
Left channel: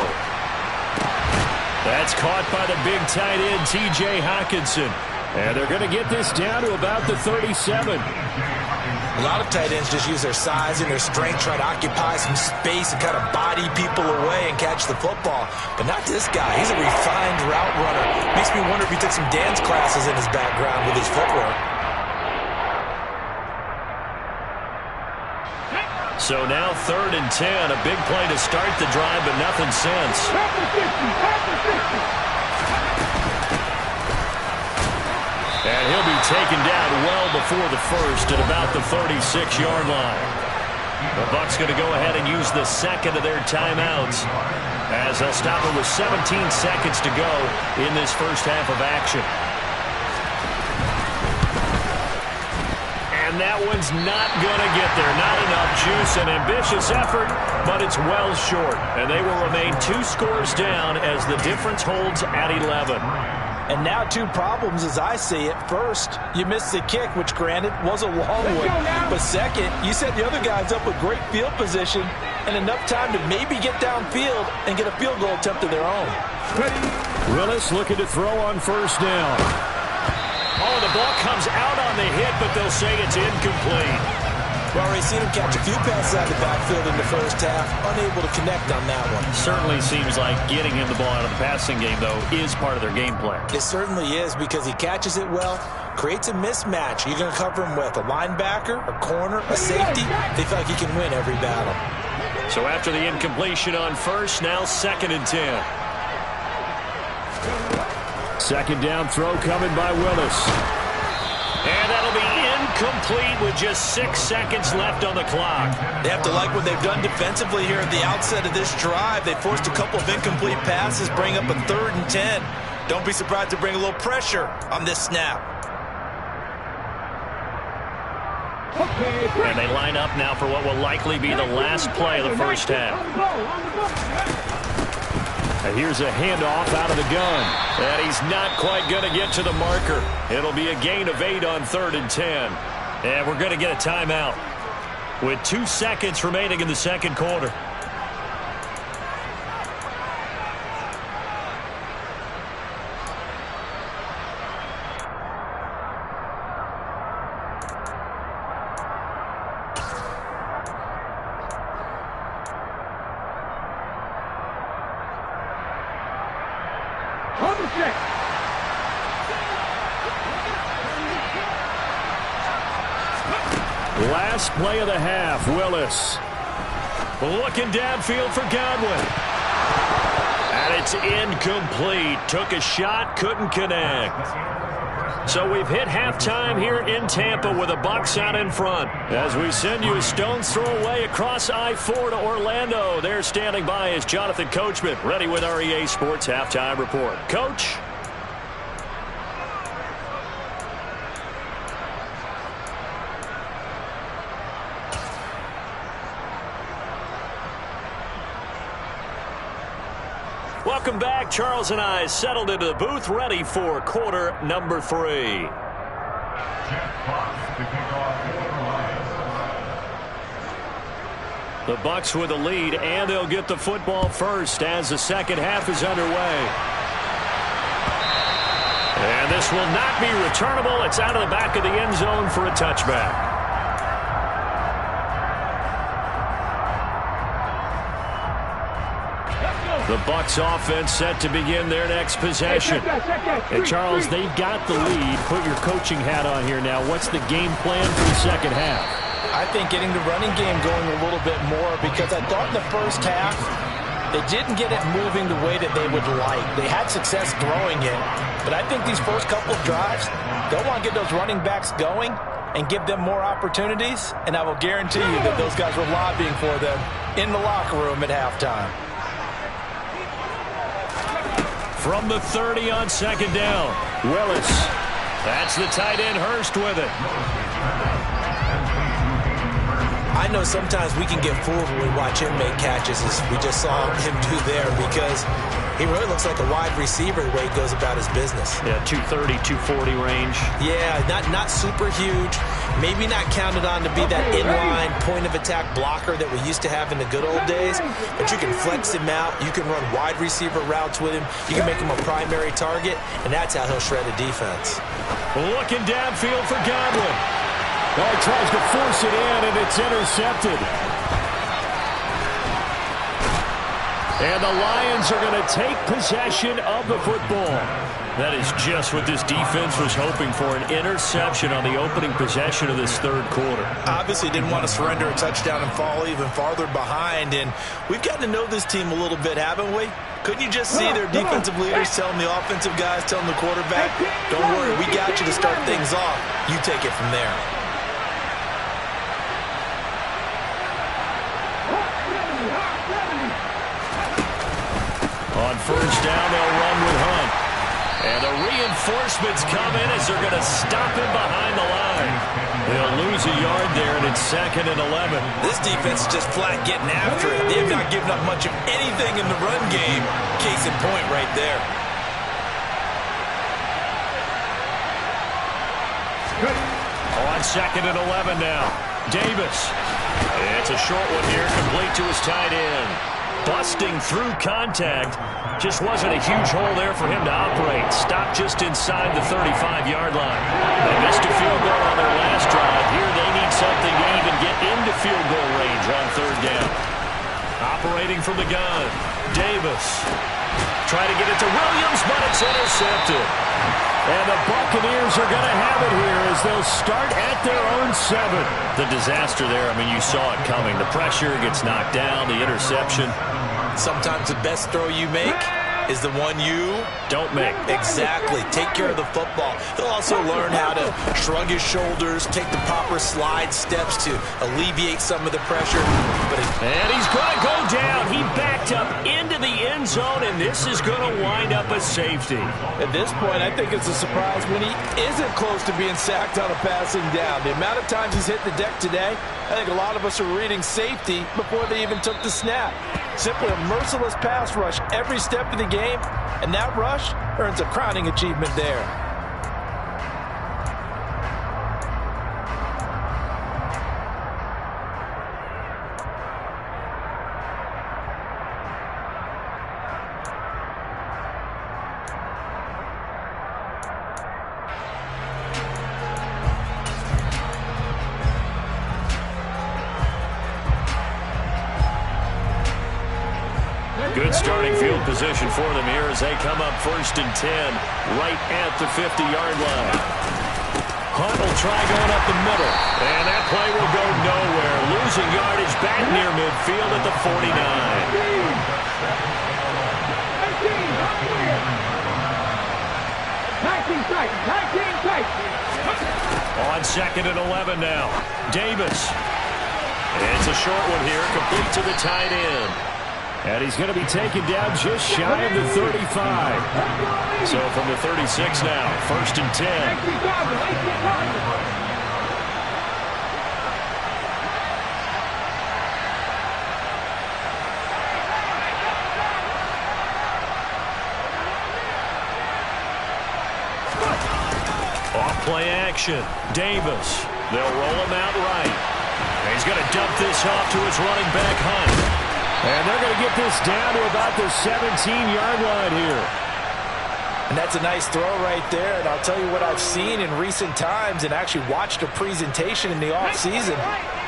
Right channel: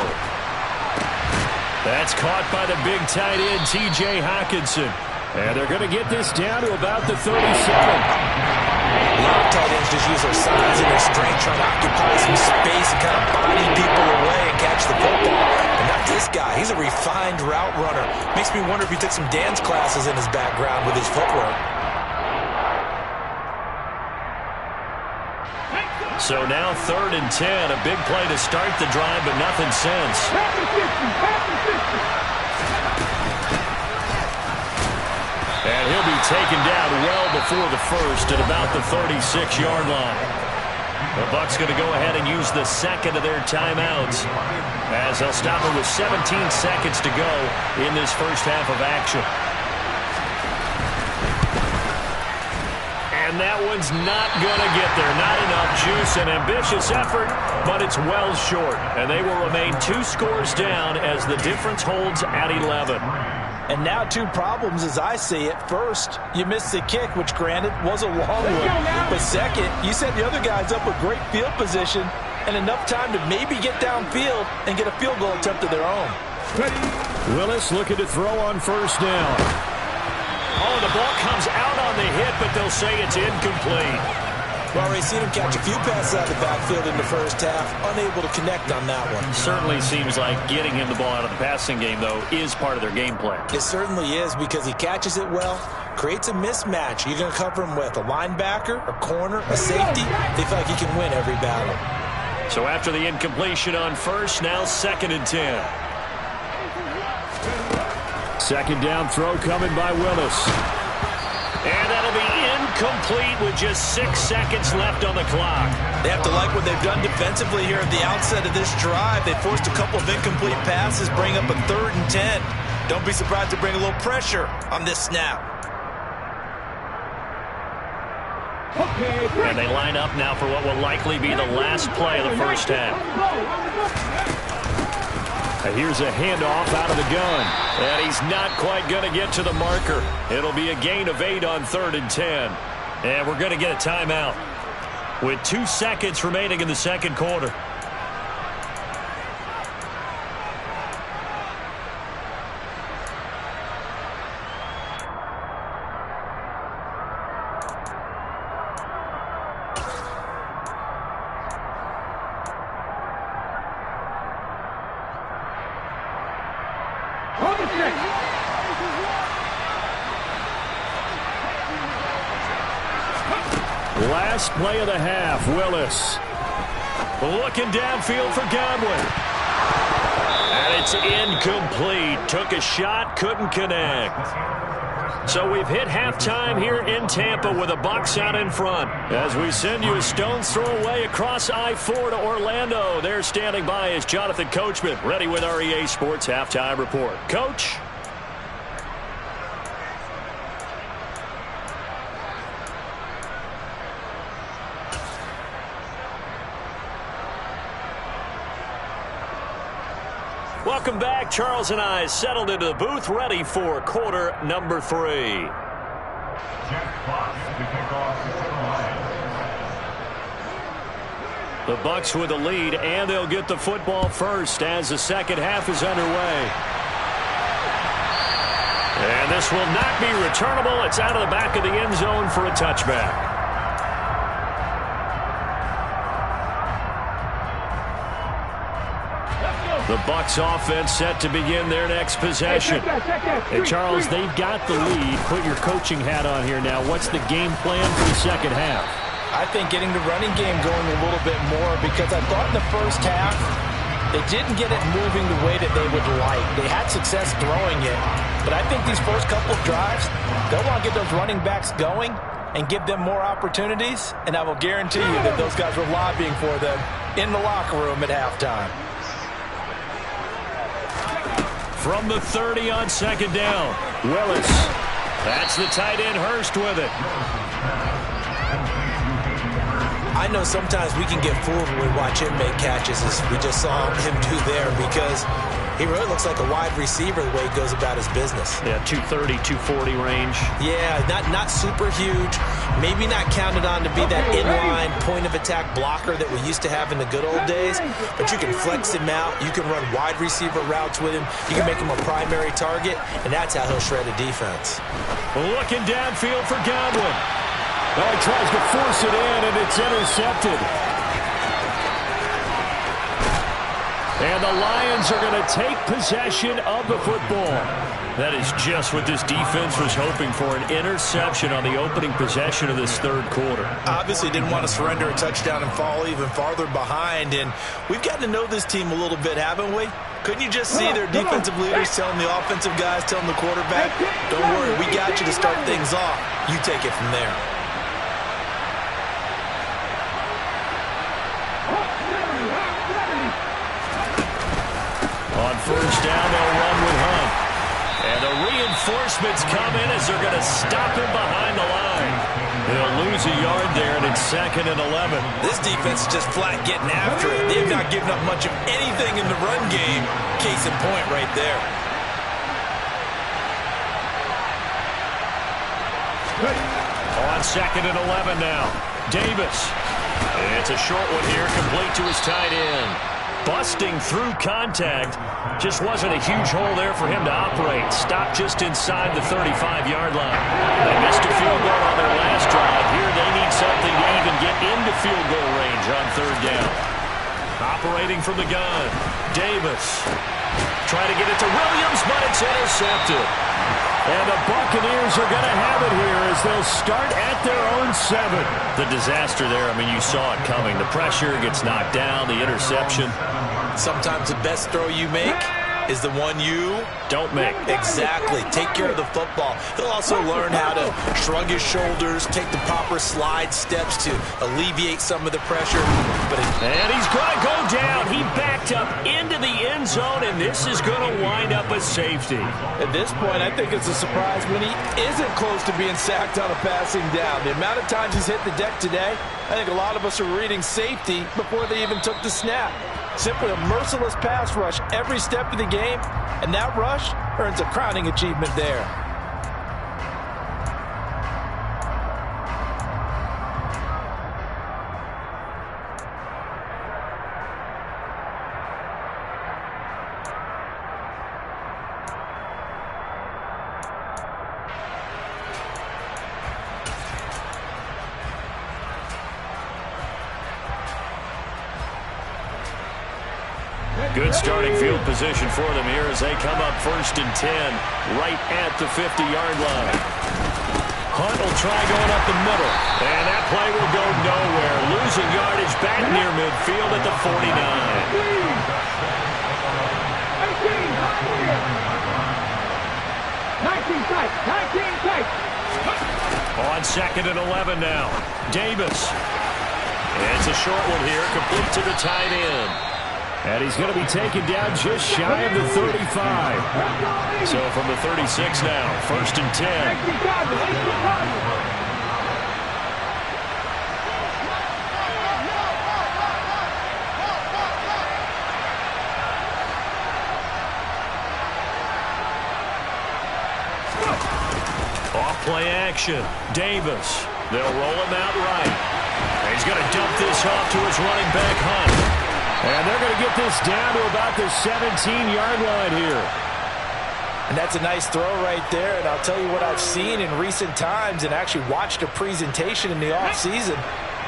That's caught by the big tight end, T.J. Hockenson. And they're going to get this down to about the 37. A lot of tight ends just use their size and their strength, try to occupy some space and kind of body people away and catch the football. But not this guy. He's a refined route runner. Makes me wonder if he took some dance classes in his background with his footwork. So now 3rd and 10. A big play to start the drive, but nothing since. And he'll be taken down well before the first at about the 36-yard line. The Bucs going to go ahead and use the second of their timeouts as they'll stop it with 17 seconds to go in this first half of action. And that one's not going to get there. Not enough juice. An ambitious effort, but it's well short. And they will remain 2 scores down as the difference holds at 11. And now 2 problems as I see it. First, you missed the kick, which granted was a long one. But second, you set the other guys up with great field position and enough time to maybe get downfield and get a field goal attempt of their own. Willis looking to throw on first down. Oh, the ball comes out on the hit, but they'll say it's incomplete. We've already seen him catch a few passes out of the backfield in the first half, unable to connect on that one. Certainly seems like getting him the ball out of the passing game, though, is part of their game plan. It certainly is because he catches it well, creates a mismatch. You're going to cover him with a linebacker, a corner, a safety. They feel like he can win every battle. So after the incompletion on first, now 2nd and 10. Second down throw coming by Willis. And that'll be incomplete with just 6 seconds left on the clock. They have to like what they've done defensively here at the outset of this drive. They forced a couple of incomplete passes, bring up a 3rd and 10. Don't be surprised to bring a little pressure on this snap. And they line up now for what will likely be the last play of the first half. And here's a handoff out of the gun. And he's not quite going to get to the marker. It'll be a gain of 8 on 3rd and 10. And we're going to get a timeout with 2 seconds remaining in the second quarter. Last play of the half, Willis. Looking downfield for Godwin. And it's incomplete. Took a shot, couldn't connect. So we've hit halftime here in Tampa with the Bucs out in front. As we send you a stone's throw away across I-4 to Orlando. There standing by is Jonathan Coachman, ready with our EA Sports Halftime Report. Coach? Welcome back. Charles and I settled into the booth, ready for quarter number 3. The Bucs with the lead, and they'll get the football first as the second half is underway. And this will not be returnable. It's out of the back of the end zone for a touchback. The Bucs offense set to begin their next possession. And Charles, they've got the lead. Put your coaching hat on here now. What's the game plan for the second half? I think getting the running game going a little bit more, because I thought in the first half they didn't get it moving the way that they would like. They had success throwing it, but I think these first couple of drives, they'll want to get those running backs going and give them more opportunities, and I will guarantee you that those guys were lobbying for them in the locker room at halftime. From the 30 on second down, Willis. That's the tight end, Hurst, with it. I know sometimes we can get fooled when we watch him make catches, as we just saw him do there, because he really looks like a wide receiver the way he goes about his business. Yeah, 230, 240 range. Yeah, not super huge. Maybe not counted on to be that inline point-of-attack blocker that we used to have in the good old days, but you can flex him out. You can run wide receiver routes with him. You can make him a primary target, and that's how he'll shred a defense. Looking downfield for Godwin. Oh, he tries to force it in, and it's intercepted. And the Lions are going to take possession of the football. That is just what this defense was hoping for, an interception on the opening possession of this third quarter. Obviously didn't want to surrender a touchdown and fall even farther behind, and we've gotten to know this team a little bit, haven't we? Couldn't you just see their defensive leaders telling the offensive guys, telling the quarterback, don't worry, we got you to start things off. You take it from there. On first down, they'll run with Hunt. And the reinforcements come in as they're going to stop him behind the line. They'll lose a yard there, and it's 2nd and 11. This defense is just flat getting after it. They have not given up much of anything in the run game. Case in point right there. On 2nd and 11 now. Davis. It's a short one here, complete to his tight end. Busting through contact. Just wasn't a huge hole there for him to operate. Stopped just inside the 35-yard line. They missed a field goal on their last drive. Here they need something to even get into field goal range on third down. Operating from the gun. Davis. Trying to get it to Williams, but it's intercepted. And the Buccaneers are going to have it here as they'll start at their own 7. The disaster there, I mean, you saw it coming. The pressure gets knocked down, the interception. Sometimes the best throw you make is the one you don't make. Exactly. Take care of the football. He'll also learn how to shrug his shoulders, take the proper slide steps to alleviate some of the pressure. And he's going to go down. He backed up into the end zone, and this is going to wind up a safety. At this point, I think it's a surprise when he isn't close to being sacked on a passing down. The amount of times he's hit the deck today, I think a lot of us are reading safety before they even took the snap. Simply a merciless pass rush every step of the game, and that rush earns a crowning achievement there. Good starting field position for them here as they come up 1st and 10 right at the 50-yard line. Hunt will try going up the middle, and that play will go nowhere. Losing yardage back near midfield at the 49. 19 On 2nd and 11 now. Davis. It's a short one here, complete to the tight end. And he's going to be taken down just shy of the 35. So from the 36 now, 1st and 10. Off play action. Davis. They'll roll him out right. And he's going to dump this off to his running back, Hunt. And they're going to get this down to about the 17-yard line here. And that's a nice throw right there. And I'll tell you what I've seen in recent times and actually watched a presentation in the offseason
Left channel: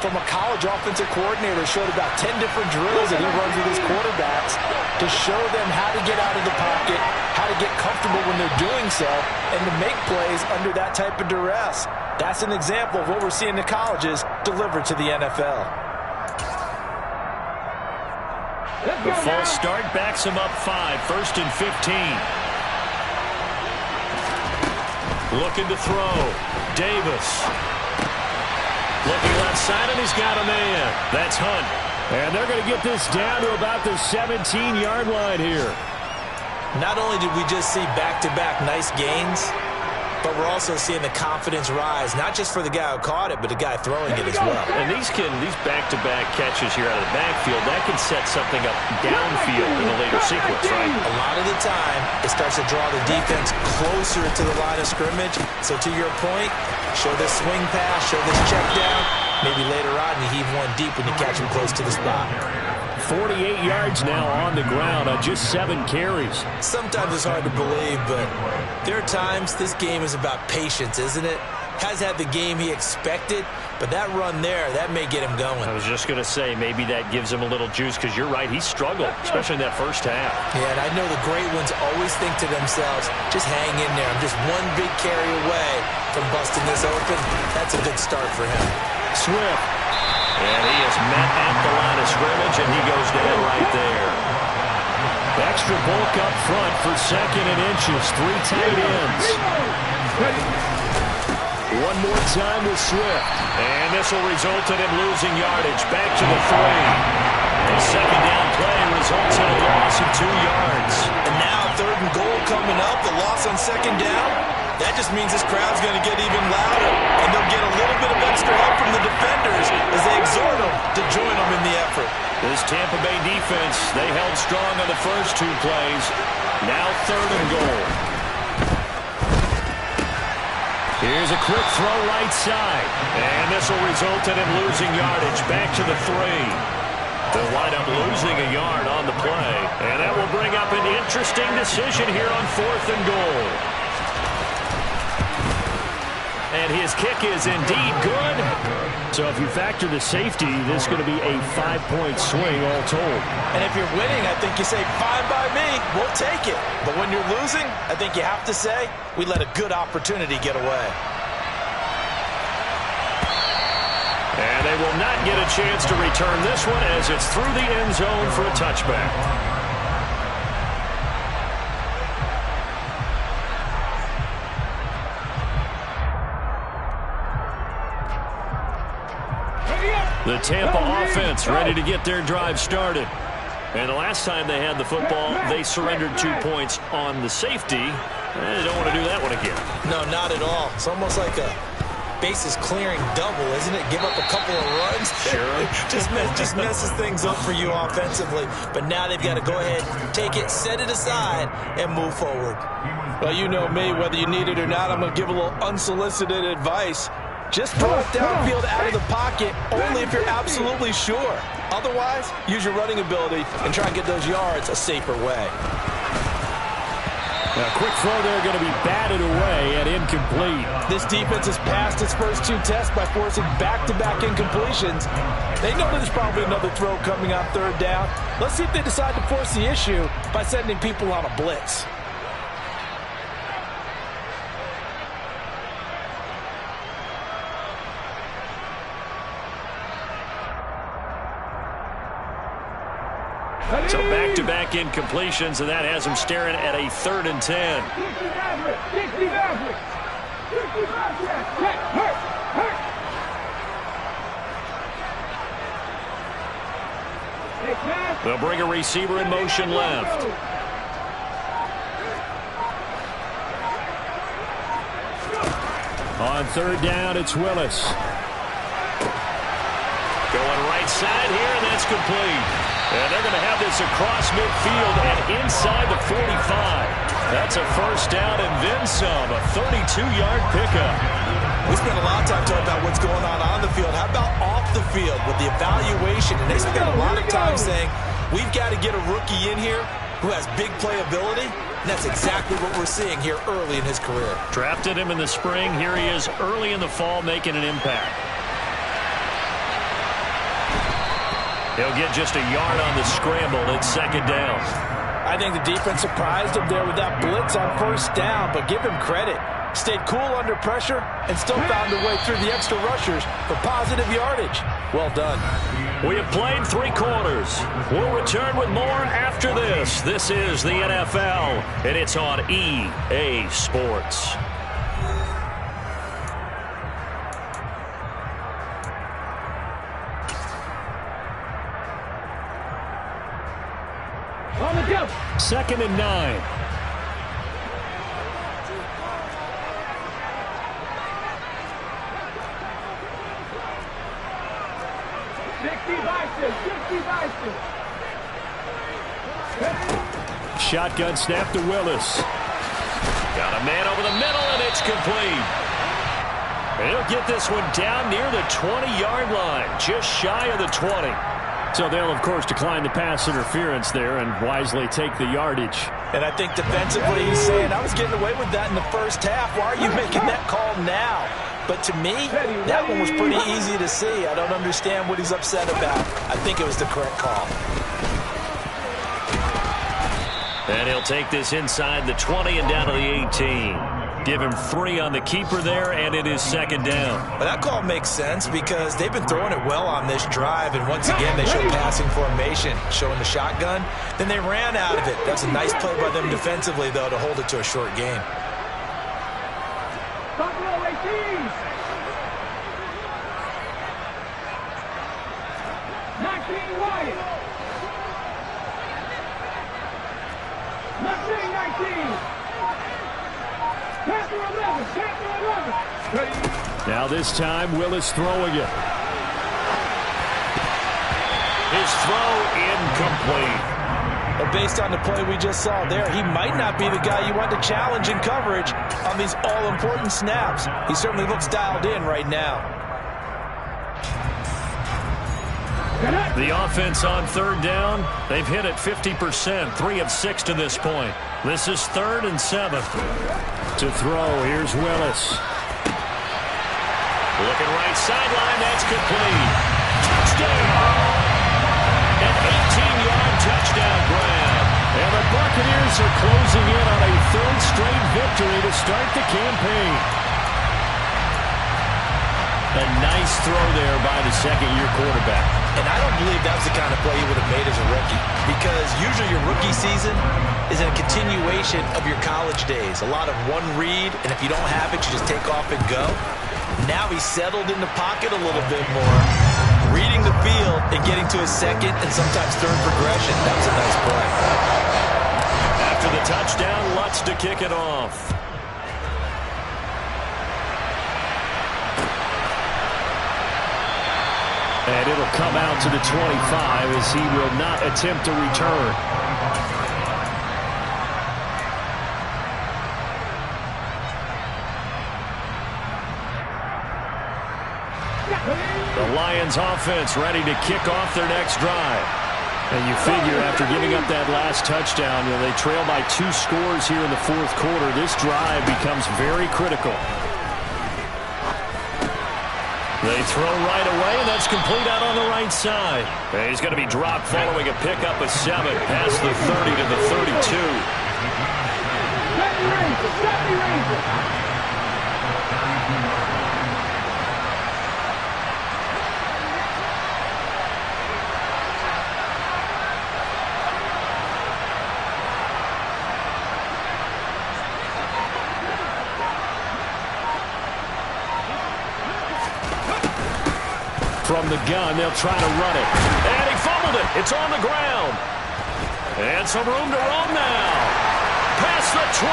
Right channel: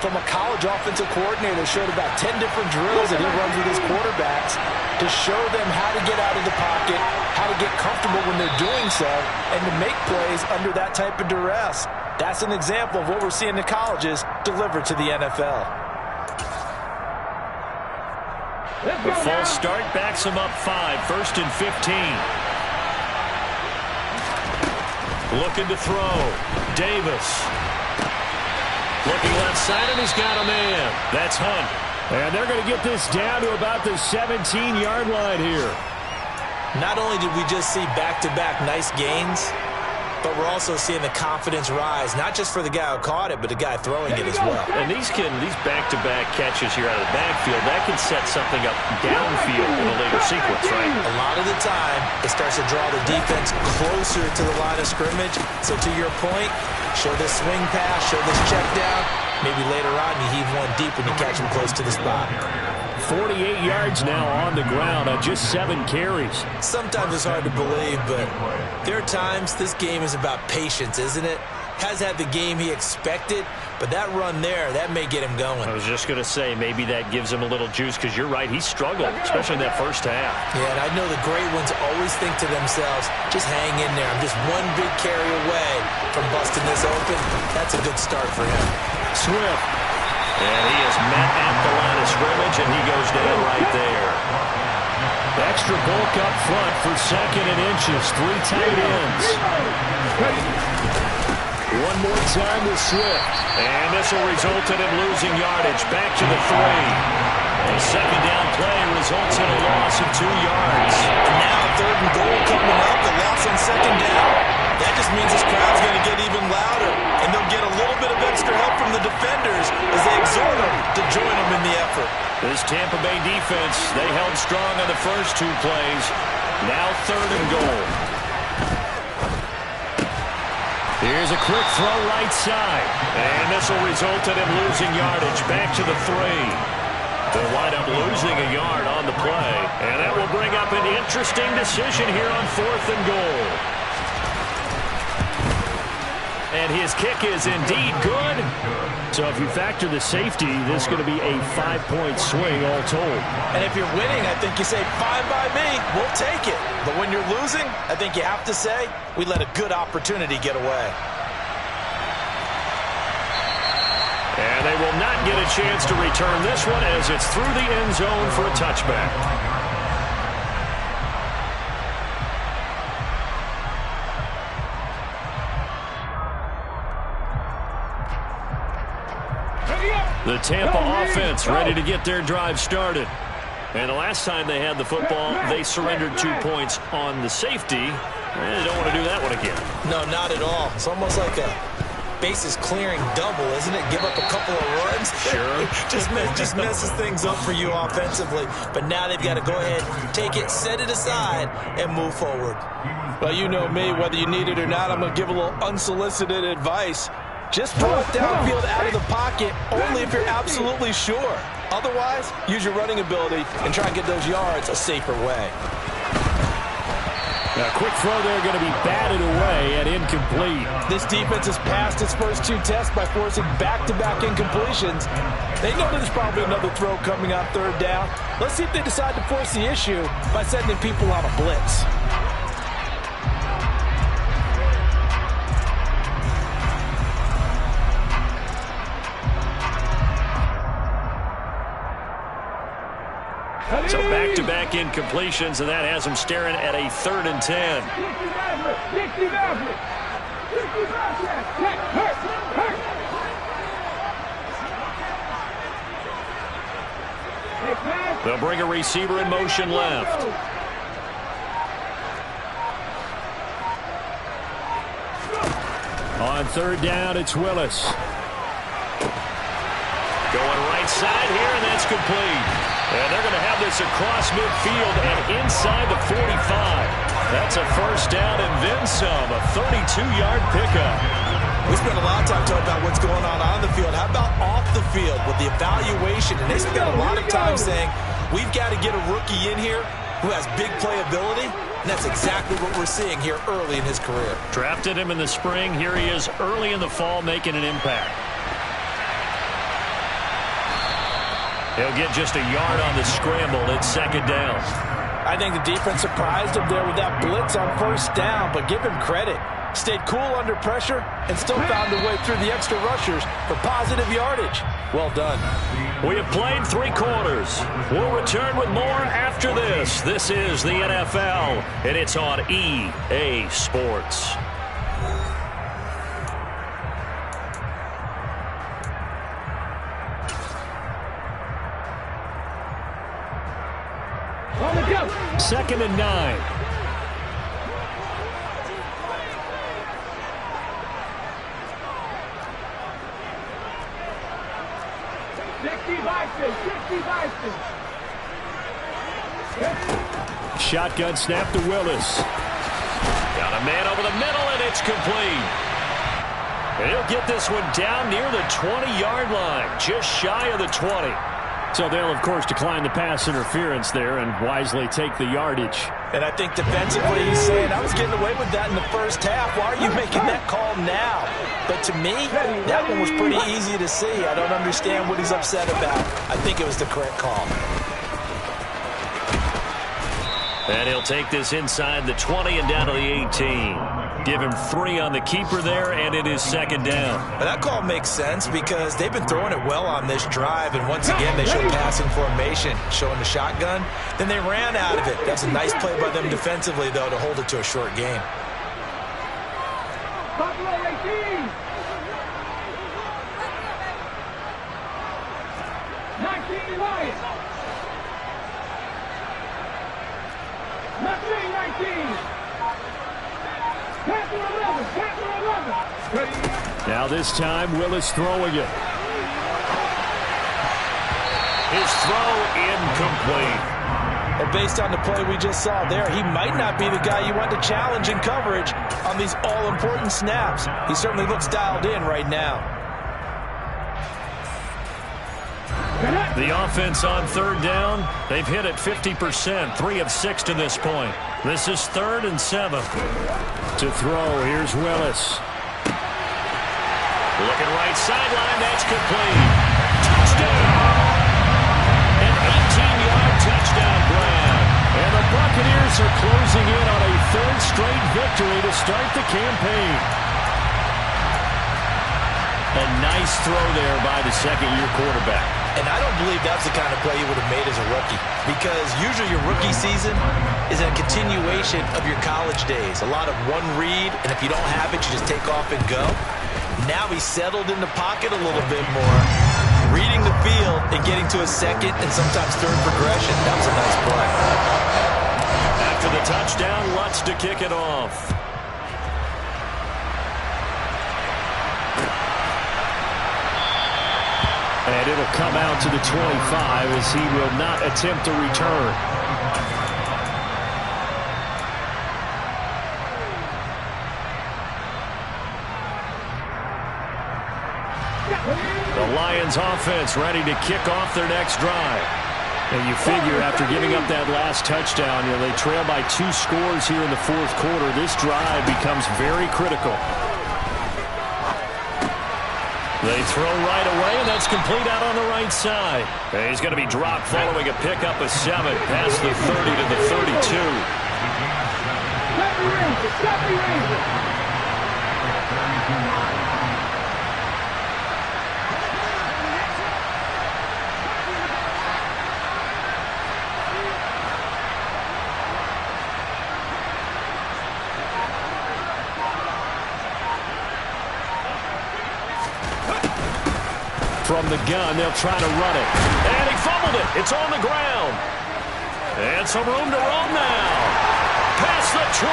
from a college offensive coordinator that showed about 10 different drills that he runs with his quarterbacks to show them how to get out of the pocket, how to get comfortable when they're doing so, and to make plays under that type of duress. That's an example of what we're seeing in colleges delivered to the NFL. The false start backs him up 5, 1st and 15. Looking to throw. Davis. Looking left side, and he's got a man. That's Hunt. And they're going to get this down to about the 17-yard line here. Not only did we just see back-to-back nice gains, but we're also seeing the confidence rise, not just for the guy who caught it, but the guy throwing it as well. And these back-to-back catches here out of the backfield, that can set something up downfield in a later sequence, right? A lot of the time, it starts to draw the defense closer to the line of scrimmage. So to your point, show this swing pass, show this check down. Maybe later on you heave one deep when you catch him close to the spot. 48 yards now on the ground on just 7 carries. Sometimes it's hard to believe, but there are times this game is about patience, isn't it? Has had the game he expected, but that run there, that may get him going. I was just going to say, maybe that gives him a little juice, because you're right, he struggled, especially in that first half. Yeah, and I know the great ones always think to themselves, just hang in there. I'm just one big carry away from busting this open. That's a good start for him. Swift. And he is met at the line of scrimmage, and he goes down right there. Extra bulk up front for 2nd and inches. 3 tight ends. One more time with Swift. And this will result in him losing yardage. Back to the 3. A 2nd down play results in a loss of 2 yards. And now 3rd and goal coming up. The loss on 2nd down. That just means this crowd's going to get even louder. And they'll get a little bit of extra help from the defenders as they exhort them to join them in the effort. This Tampa Bay defense, they held strong on the first 2 plays. Now 3rd and goal. Here's a quick throw right side. And this will result in him losing yardage. Back to the 3. They'll wind up losing a yard on the play. And that will bring up an interesting decision here on 4th and goal. And his kick is indeed good. So if you factor the safety, this is going to be a 5-point swing all told. And if you're winning, I think you say, fine by me, we'll take it. But when you're losing, I think you have to say, we let a good opportunity get away. And they will not get a chance to return this one as it's through the end zone for a touchback. The Tampa offense ready to get their drive started. And the last time they had the football, they surrendered 2 points on the safety. They don't want to do that one again. No, not at all. It's almost like a bases clearing double, isn't it? Give up a couple of runs. Sure. just messes things up for you offensively. But now they've got to go ahead, take it, set it aside, and move forward. Well, you know me, whether you need it or not, I'm going to give a little unsolicited advice. Just throw it downfield out of the pocket only if you're absolutely sure. Otherwise, use your running ability and try and get those yards a safer way. A quick throw there going to be batted away and incomplete. This defense has passed its first 2 tests by forcing back-to-back incompletions. They know there's probably another throw coming on 3rd down. Let's see if they decide to force the issue by sending people on a blitz. So back-to-back incompletions, and that has him staring at a 3rd and 10. They'll bring a receiver in motion left. On 3rd down, it's Willis. Going right side here, and that's complete. And they're going to have this across midfield and inside the 45. That's a 1st down and then some, a 32-yard pickup. We spent a lot of time talking about what's going on the field. How about off the field with the evaluation? And they spent a lot of time saying, we've got to get a rookie in here who has big playability. And that's exactly what we're seeing here early in his career. Drafted him in the spring. Here he is early in the fall making an impact. He'll get just a yard on the scramble at 2nd down. I think the defense surprised him there with that blitz on 1st down, but give him credit. Stayed cool under pressure and still found a way through the extra rushers for positive yardage. Well done. We have played 3 quarters. We'll return with more after this. This is the NFL, and it's on EA Sports. On the go. 2nd and 9. 60 Bison, 60 Bison. Shotgun snap to Willis. Got a man over the middle, and it's complete. And he'll get this one down near the 20-yard line, just shy of the 20. So they'll, of course, decline the pass interference there and wisely take the yardage. And I think defensively he's saying, I was getting away with that in the first half. Why are you making that call now? But to me, that one was pretty easy to see. I don't understand what he's upset about. I think it was the correct call. And he'll take this inside the 20 and down to the 18. Give him 3 on the keeper there, and it is second down. But that call makes sense because they've been throwing it well on this drive, and once again they show passing formation, showing the shotgun. Then they ran out of it. That's a nice play by them defensively, though, to hold it to a short game. Buffalo 18. 19 Wyatt. 19. Pass to 11. Pass to 11. Now this time, Willis throwing it. His throw incomplete. But based on the play we just saw there, he might not be the guy you want to challenge in coverage on these all-important snaps. He certainly looks dialed in right now. The offense on third down, they've hit it 50%, 3 of 6 to this point. This is 3rd and 7. To throw, here's Willis. Looking right sideline, that's complete. Touchdown! An 18-yard touchdown grab. And the Buccaneers are closing in on a 3rd straight victory to start the campaign. A nice throw there by the second-year quarterback. And I don't believe that's the kind of play he would have made as a rookie, because usually your rookie season is a continuation of your college days. A lot of one read, and if you don't have it, you just take off and go. Now he's settled in the pocket a little bit more, reading the field and getting to a second and sometimes third progression. That was a nice play. After the touchdown, Lutz to kick it off. And it'll come out to the 25 as he will not attempt a return. The Lions offense ready to kick off their next drive. And you figure after giving up that last touchdown, they trail by 2 scores here in the 4th quarter. This drive becomes very critical. They throw right away, and that's complete out on the right side. And he's going to be dropped following a pickup of 7 past the 30 to the 32. Stop the Ranger. From the gun, they'll try to run it. And he fumbled it. It's on the ground. And some room to roam now. Past the 20.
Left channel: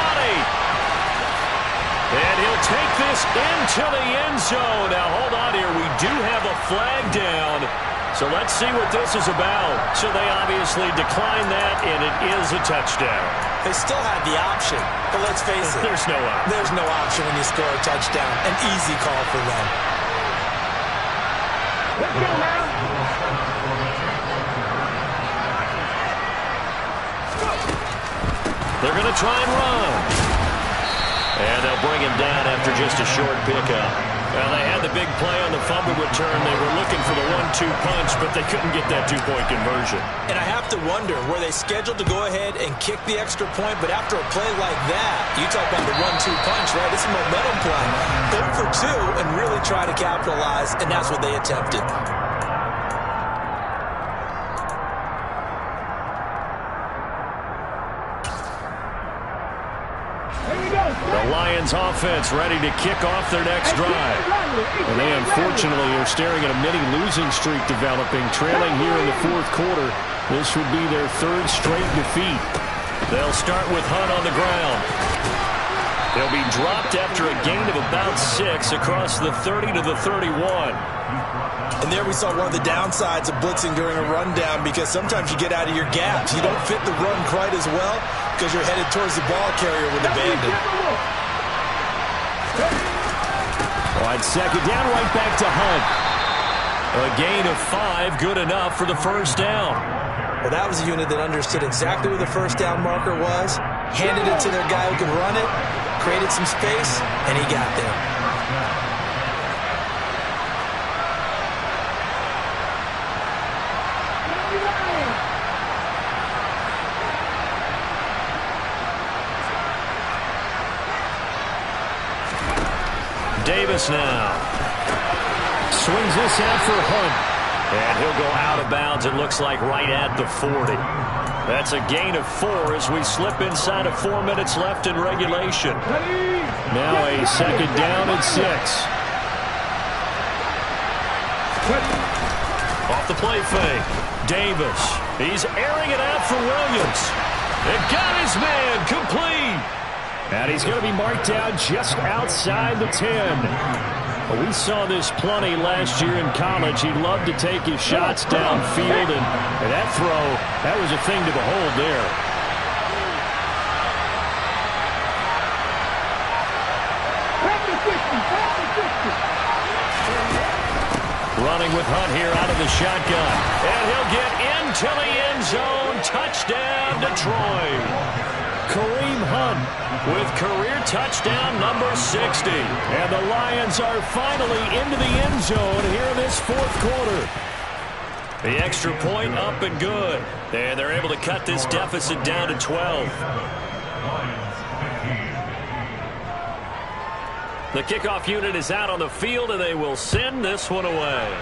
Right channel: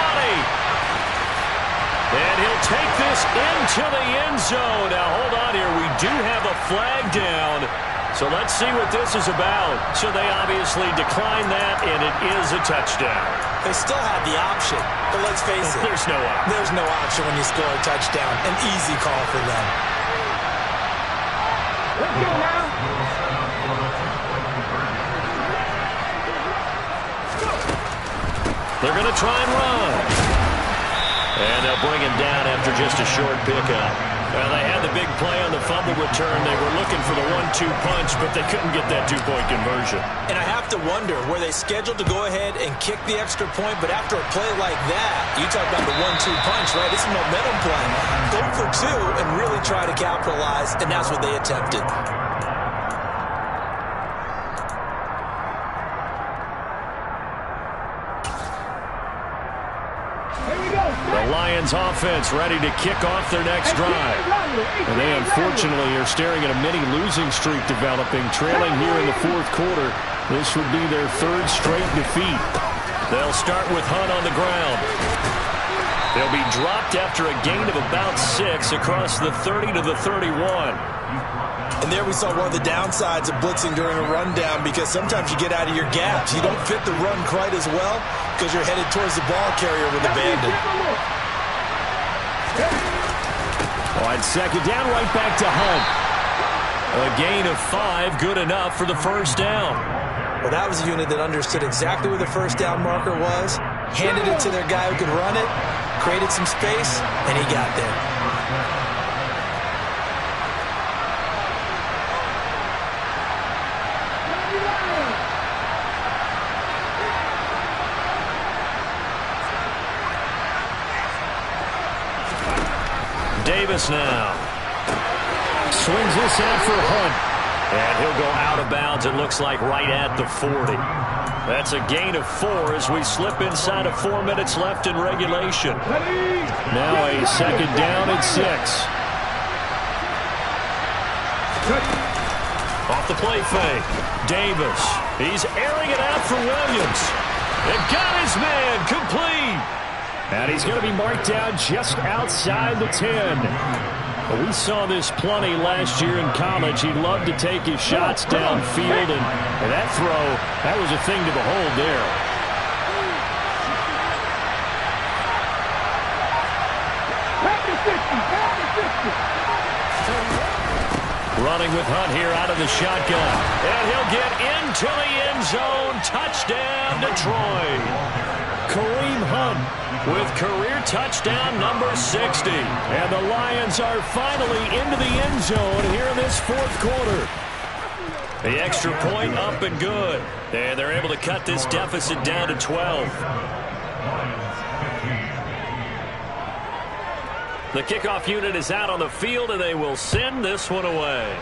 And he'll take this into the end zone. Now, hold on here. We do have a flag down. So let's see what this is about. So they obviously decline that, and it is a touchdown. They still had the option, but let's face it. There's no option. There's no option when you score a touchdown. An easy call for them. Let's go now. They're going to try and run. And they'll bring him down after just a short pickup. Well, they had the big play on the fumble return. They were looking for the 1-2 punch, but they couldn't get that 2-point conversion. And I have to wonder, were they scheduled to go ahead and kick the extra point, but after a play like that, you talk about the 1-2 punch, right? It's a momentum play. Go for 2 and really try to capitalize, and that's what they attempted. The Lions offense ready to kick off their next drive. And they unfortunately are staring at a mini losing streak developing, trailing here in the 4th quarter. This would be their 3rd straight defeat. They'll start with Hunt on the ground. He'll be dropped after a gain of about 6 across the 30 to the 31. And there we saw one of the downsides of blitzing during a rundown, because sometimes you get out of your gaps. You don't fit the run quite as well because you're headed towards the ball carrier with abandon. On second down, right back to Hunt. A gain of 5, good enough for the first down. Well, that was a unit that understood exactly where the first down marker was, handed it to their guy who could run it, created some space, and he got there. Davis now. Swings this out for Hunt. And he'll go out of bounds, it looks like, right at the 40. That's a gain of 4 as we slip inside of 4 minutes left in regulation. Now a second down and 6. Off the play fake. Davis. He's airing it out for Williams. And got his man complete. And he's going to be marked down just outside the 10. We saw this plenty last year in college. He loved to take his shots downfield, and that throw, that was a thing to behold there. Running with Hunt here out of the shotgun. And he'll get into the end zone. Touchdown, Detroit. Kareem Hunt with career touchdown number 60. And the Lions are finally into the end zone here in this fourth quarter. The extra point up and good. And they're able to cut this deficit down to 12. The kickoff unit is out on the field, and they will send this one away.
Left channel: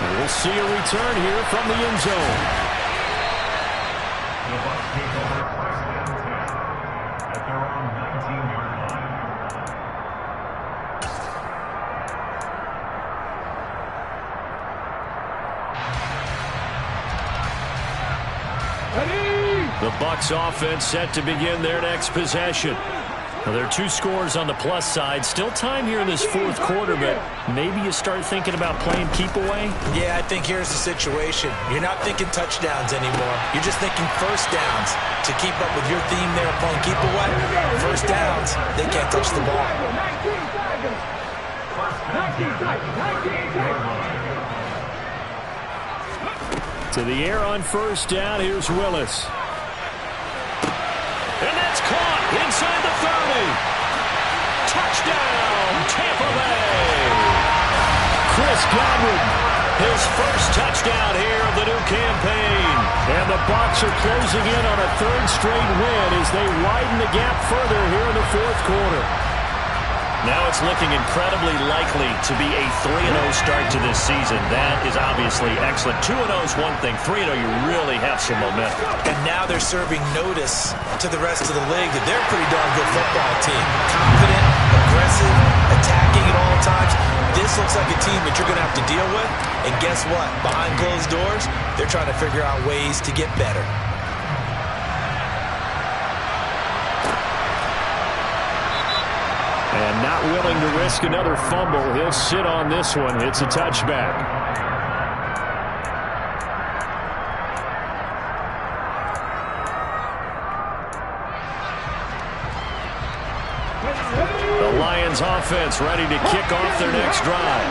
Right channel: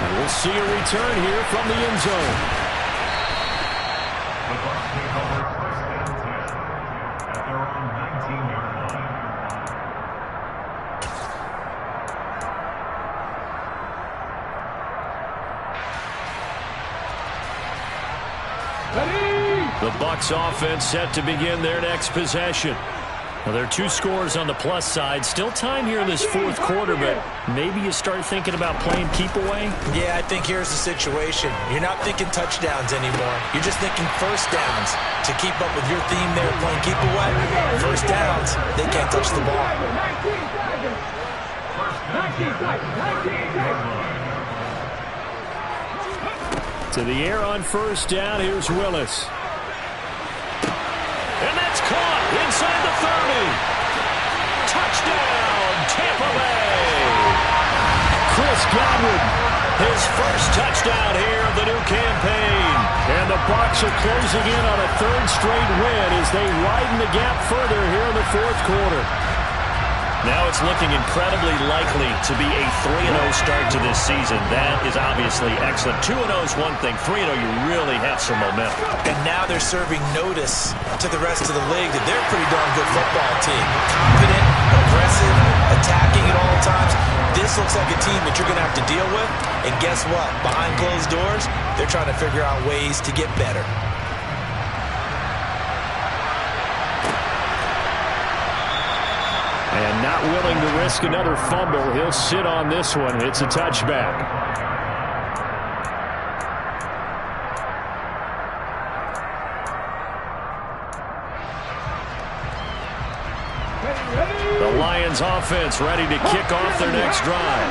And we'll see a return here from the end zone. The Bucs take over first and 10 at their own 19-yard line. The Bucs offense set to begin their next possession. Well, there are 2 scores on the plus side. Still time here in this fourth quarter, but maybe you start thinking about playing keep away? Yeah, I think here's the situation. You're not thinking touchdowns anymore. You're just thinking first downs. To keep up with your theme there, playing keep away, first downs, they can't touch the ball. To the air on first down, here's Willis. And that's caught inside the 30. Touchdown, Tampa Bay. Chris Godwin, his first touchdown here of the new campaign. And the Bucs are closing in on a 3rd straight win as they widen the gap further here in the fourth quarter. Now it's looking incredibly likely to be a 3-0 start to this season. That is obviously excellent. 2-0 is one thing. 3-0, you really have some momentum. And now they're serving notice to the rest of the league that they're a pretty darn good football team. Confident, aggressive, attacking at all times. This looks like a team that you're going to have to deal with. And guess what? Behind closed doors, they're trying to figure out ways to get better. And not willing to risk another fumble. He'll sit on this one. It's a touchback. The Lions offense ready to kick off their next drive.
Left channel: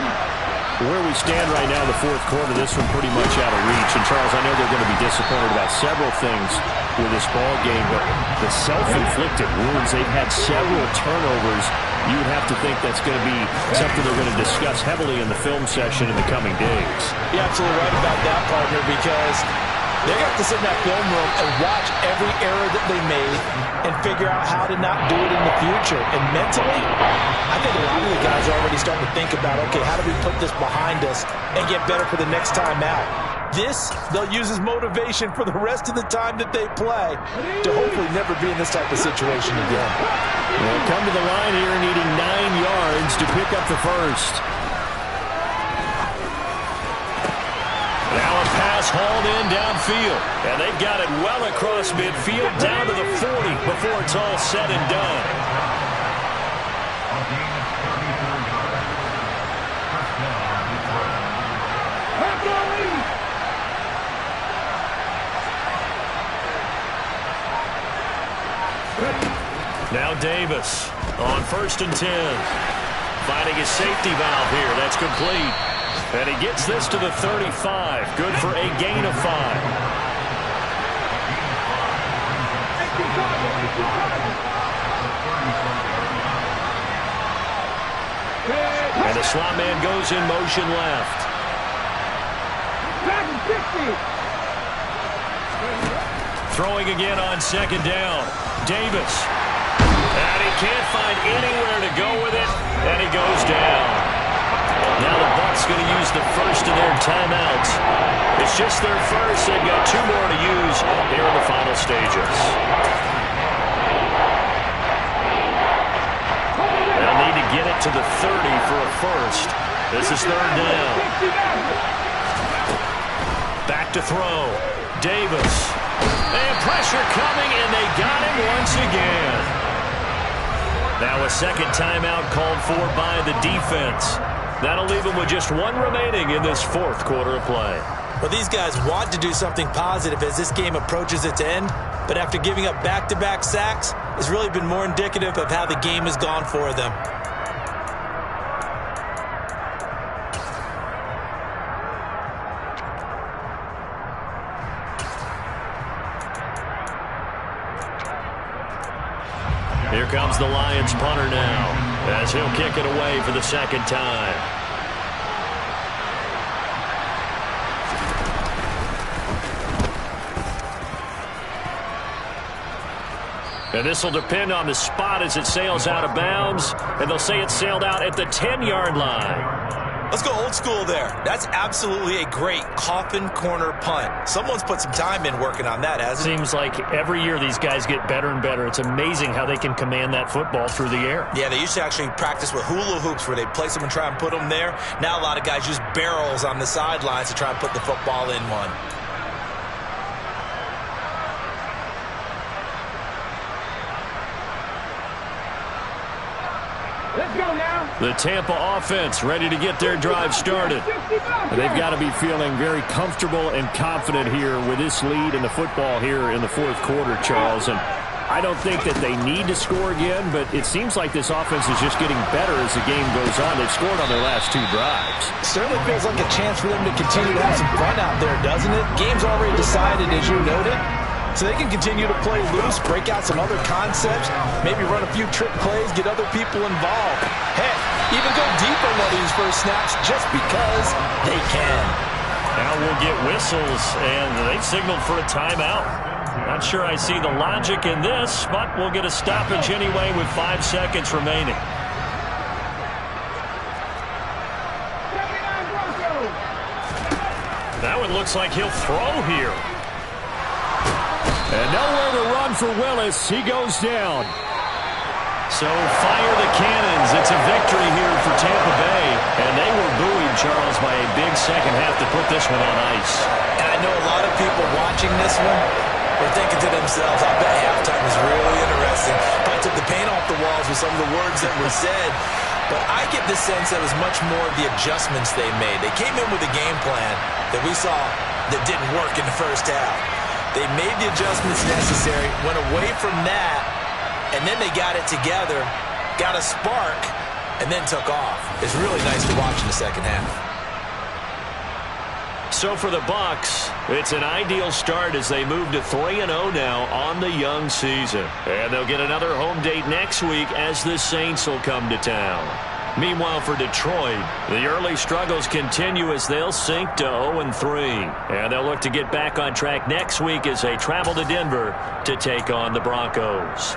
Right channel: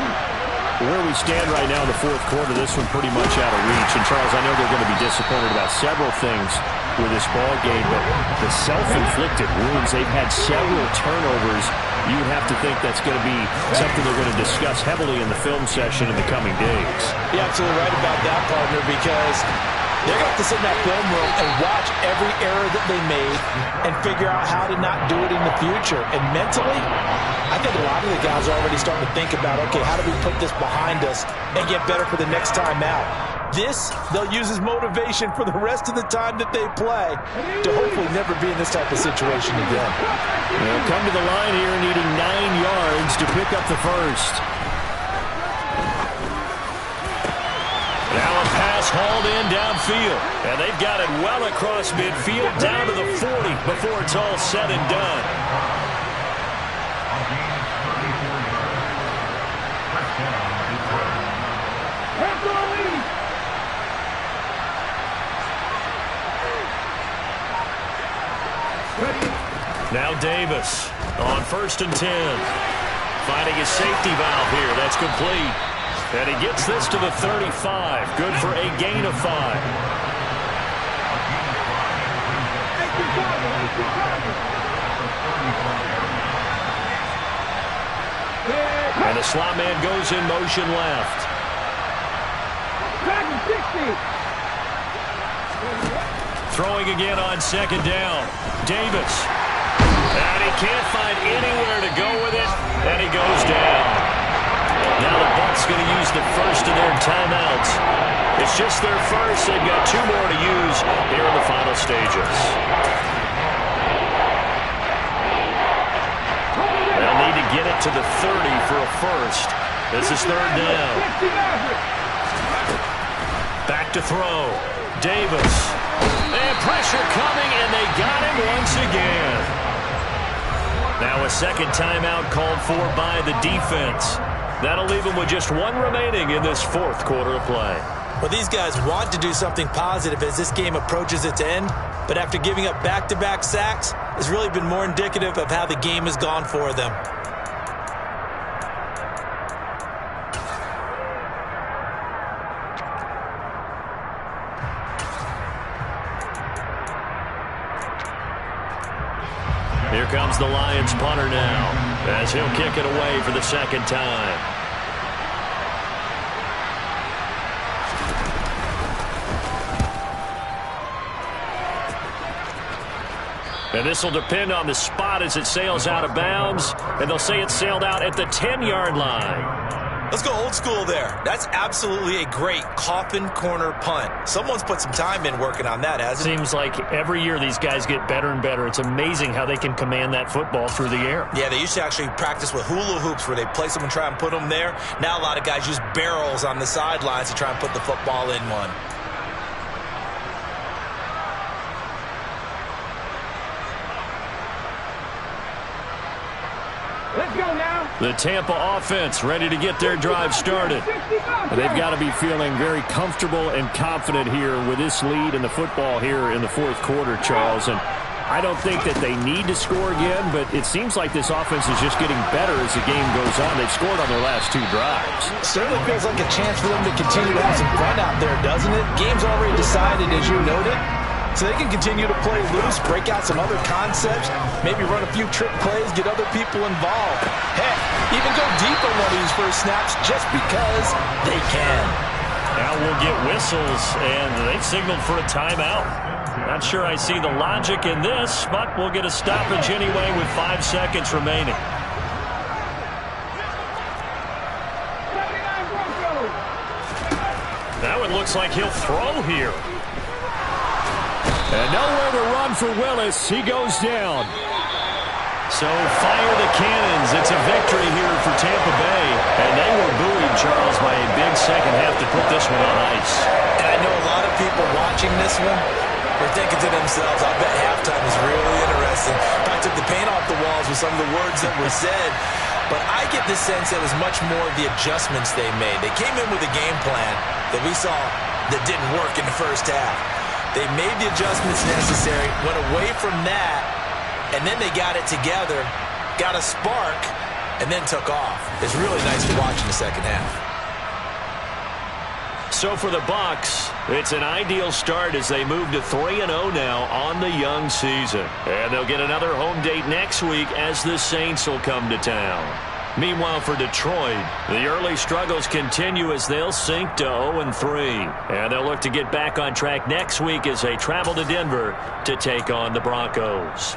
Where we stand right now in the fourth quarter, this one pretty much out of reach. And, Charles, I know they're going to be disappointed about several things with this ball game, but the self-inflicted wounds, they've had several turnovers. You would have to think that's going to be something they're going to discuss heavily in the film session in the coming days. You're absolutely right about that, partner, because they're going to have to sit in that film room and watch every error that they made and figure out how to not do it in the future. And mentally, I think a lot of the guys are already starting to think about, okay, how do we put this behind us and get better for the next time out? This, they'll use as motivation for the rest of the time that they play to hopefully never be in this type of situation again. They'll come to the line here needing 9 yards to pick up the first. Now a pass pass hauled in downfield. And they've got it well across midfield down to the 40 before it's all said and done. A gain of 34 yards. First down, Detroit. Raptor lead. Now Davis on 1st and 10. Finding his safety valve here. That's complete. And he gets this to the 35. Good for a gain of 5. And the slot man goes in motion left. Throwing again on 2nd down. Davis. And he can't find anywhere to go with it. And he goes down. Now the Bucs going to use the first of their timeouts. It's just their first. They've got 2 more to use here in the final stages. They'll need to get it to the 30 for a first. This is 3rd down. Back to throw. Davis. And pressure coming, and they got him once again. Now a 2nd timeout called for by the defense. That'll leave them with just 1 remaining in this 4th quarter of play. Well, these guys want to do something positive as this game approaches its end, but after giving up back-to-back sacks, it's really been more indicative of how the game has gone for them. Here comes the Lions punter now, as he'll kick it away for the 2nd time. And this will depend on the spot as it sails out of bounds, and they'll say it sailed out at the 10-yard line. Let's go old school there. That's absolutely a great coffin corner punt. Someone's put some time in working on that, hasn't it? Seems like every year these guys get better and better. It's amazing how they can command that football through the air. Yeah, they used to actually practice with hula hoops where they place them and try and put them there. Now a lot of guys use barrels on the sidelines to try and put the football in one. Let's go now. The Tampa offense ready to get their drive started. And they've got to be feeling very comfortable and confident here with this lead in the football here in the 4th quarter, Charles. And I don't think that they need to score again, but it seems like this offense is just getting better as the game goes on. They've scored on their last 2 drives. Certainly feels like a chance for them to continue to have some fun out there, doesn't it? Game's already decided, as you noted. So they can continue to play loose, break out some other concepts, maybe run a few trick plays, get other people involved. Heck, even go deep on one of these first snaps just because they can. Now we'll get whistles, and they've signaled for a timeout. Not sure I see the logic in this, but we'll get a stoppage anyway with 5 seconds remaining. 79 Broncos. That one looks like he'll throw here. And nowhere to run for Willis. He goes down. So fire the cannons. It's a victory here for Tampa Bay. And they were buoyed, Charles, by a big second half to put this one on ice. And I know a lot of people watching this one were thinking to themselves, I bet halftime was really interesting. Probably took the paint off the walls with some of the words that were said. But I get the sense that it was much more of the adjustments they made. They came in with a game plan that we saw that didn't work in the first half. They made the adjustments necessary, went away from that, and then they got it together, got a spark, and then took off. It's really nice to watch in the second half. So for the Bucs, it's an ideal start as they move to 3-0 now on the young season. And they'll get another home date next week as the Saints will come to town. Meanwhile, for Detroit, the early struggles continue as they'll sink to 0-3. And they'll look to get back on track next week as they travel to Denver to take on the Broncos.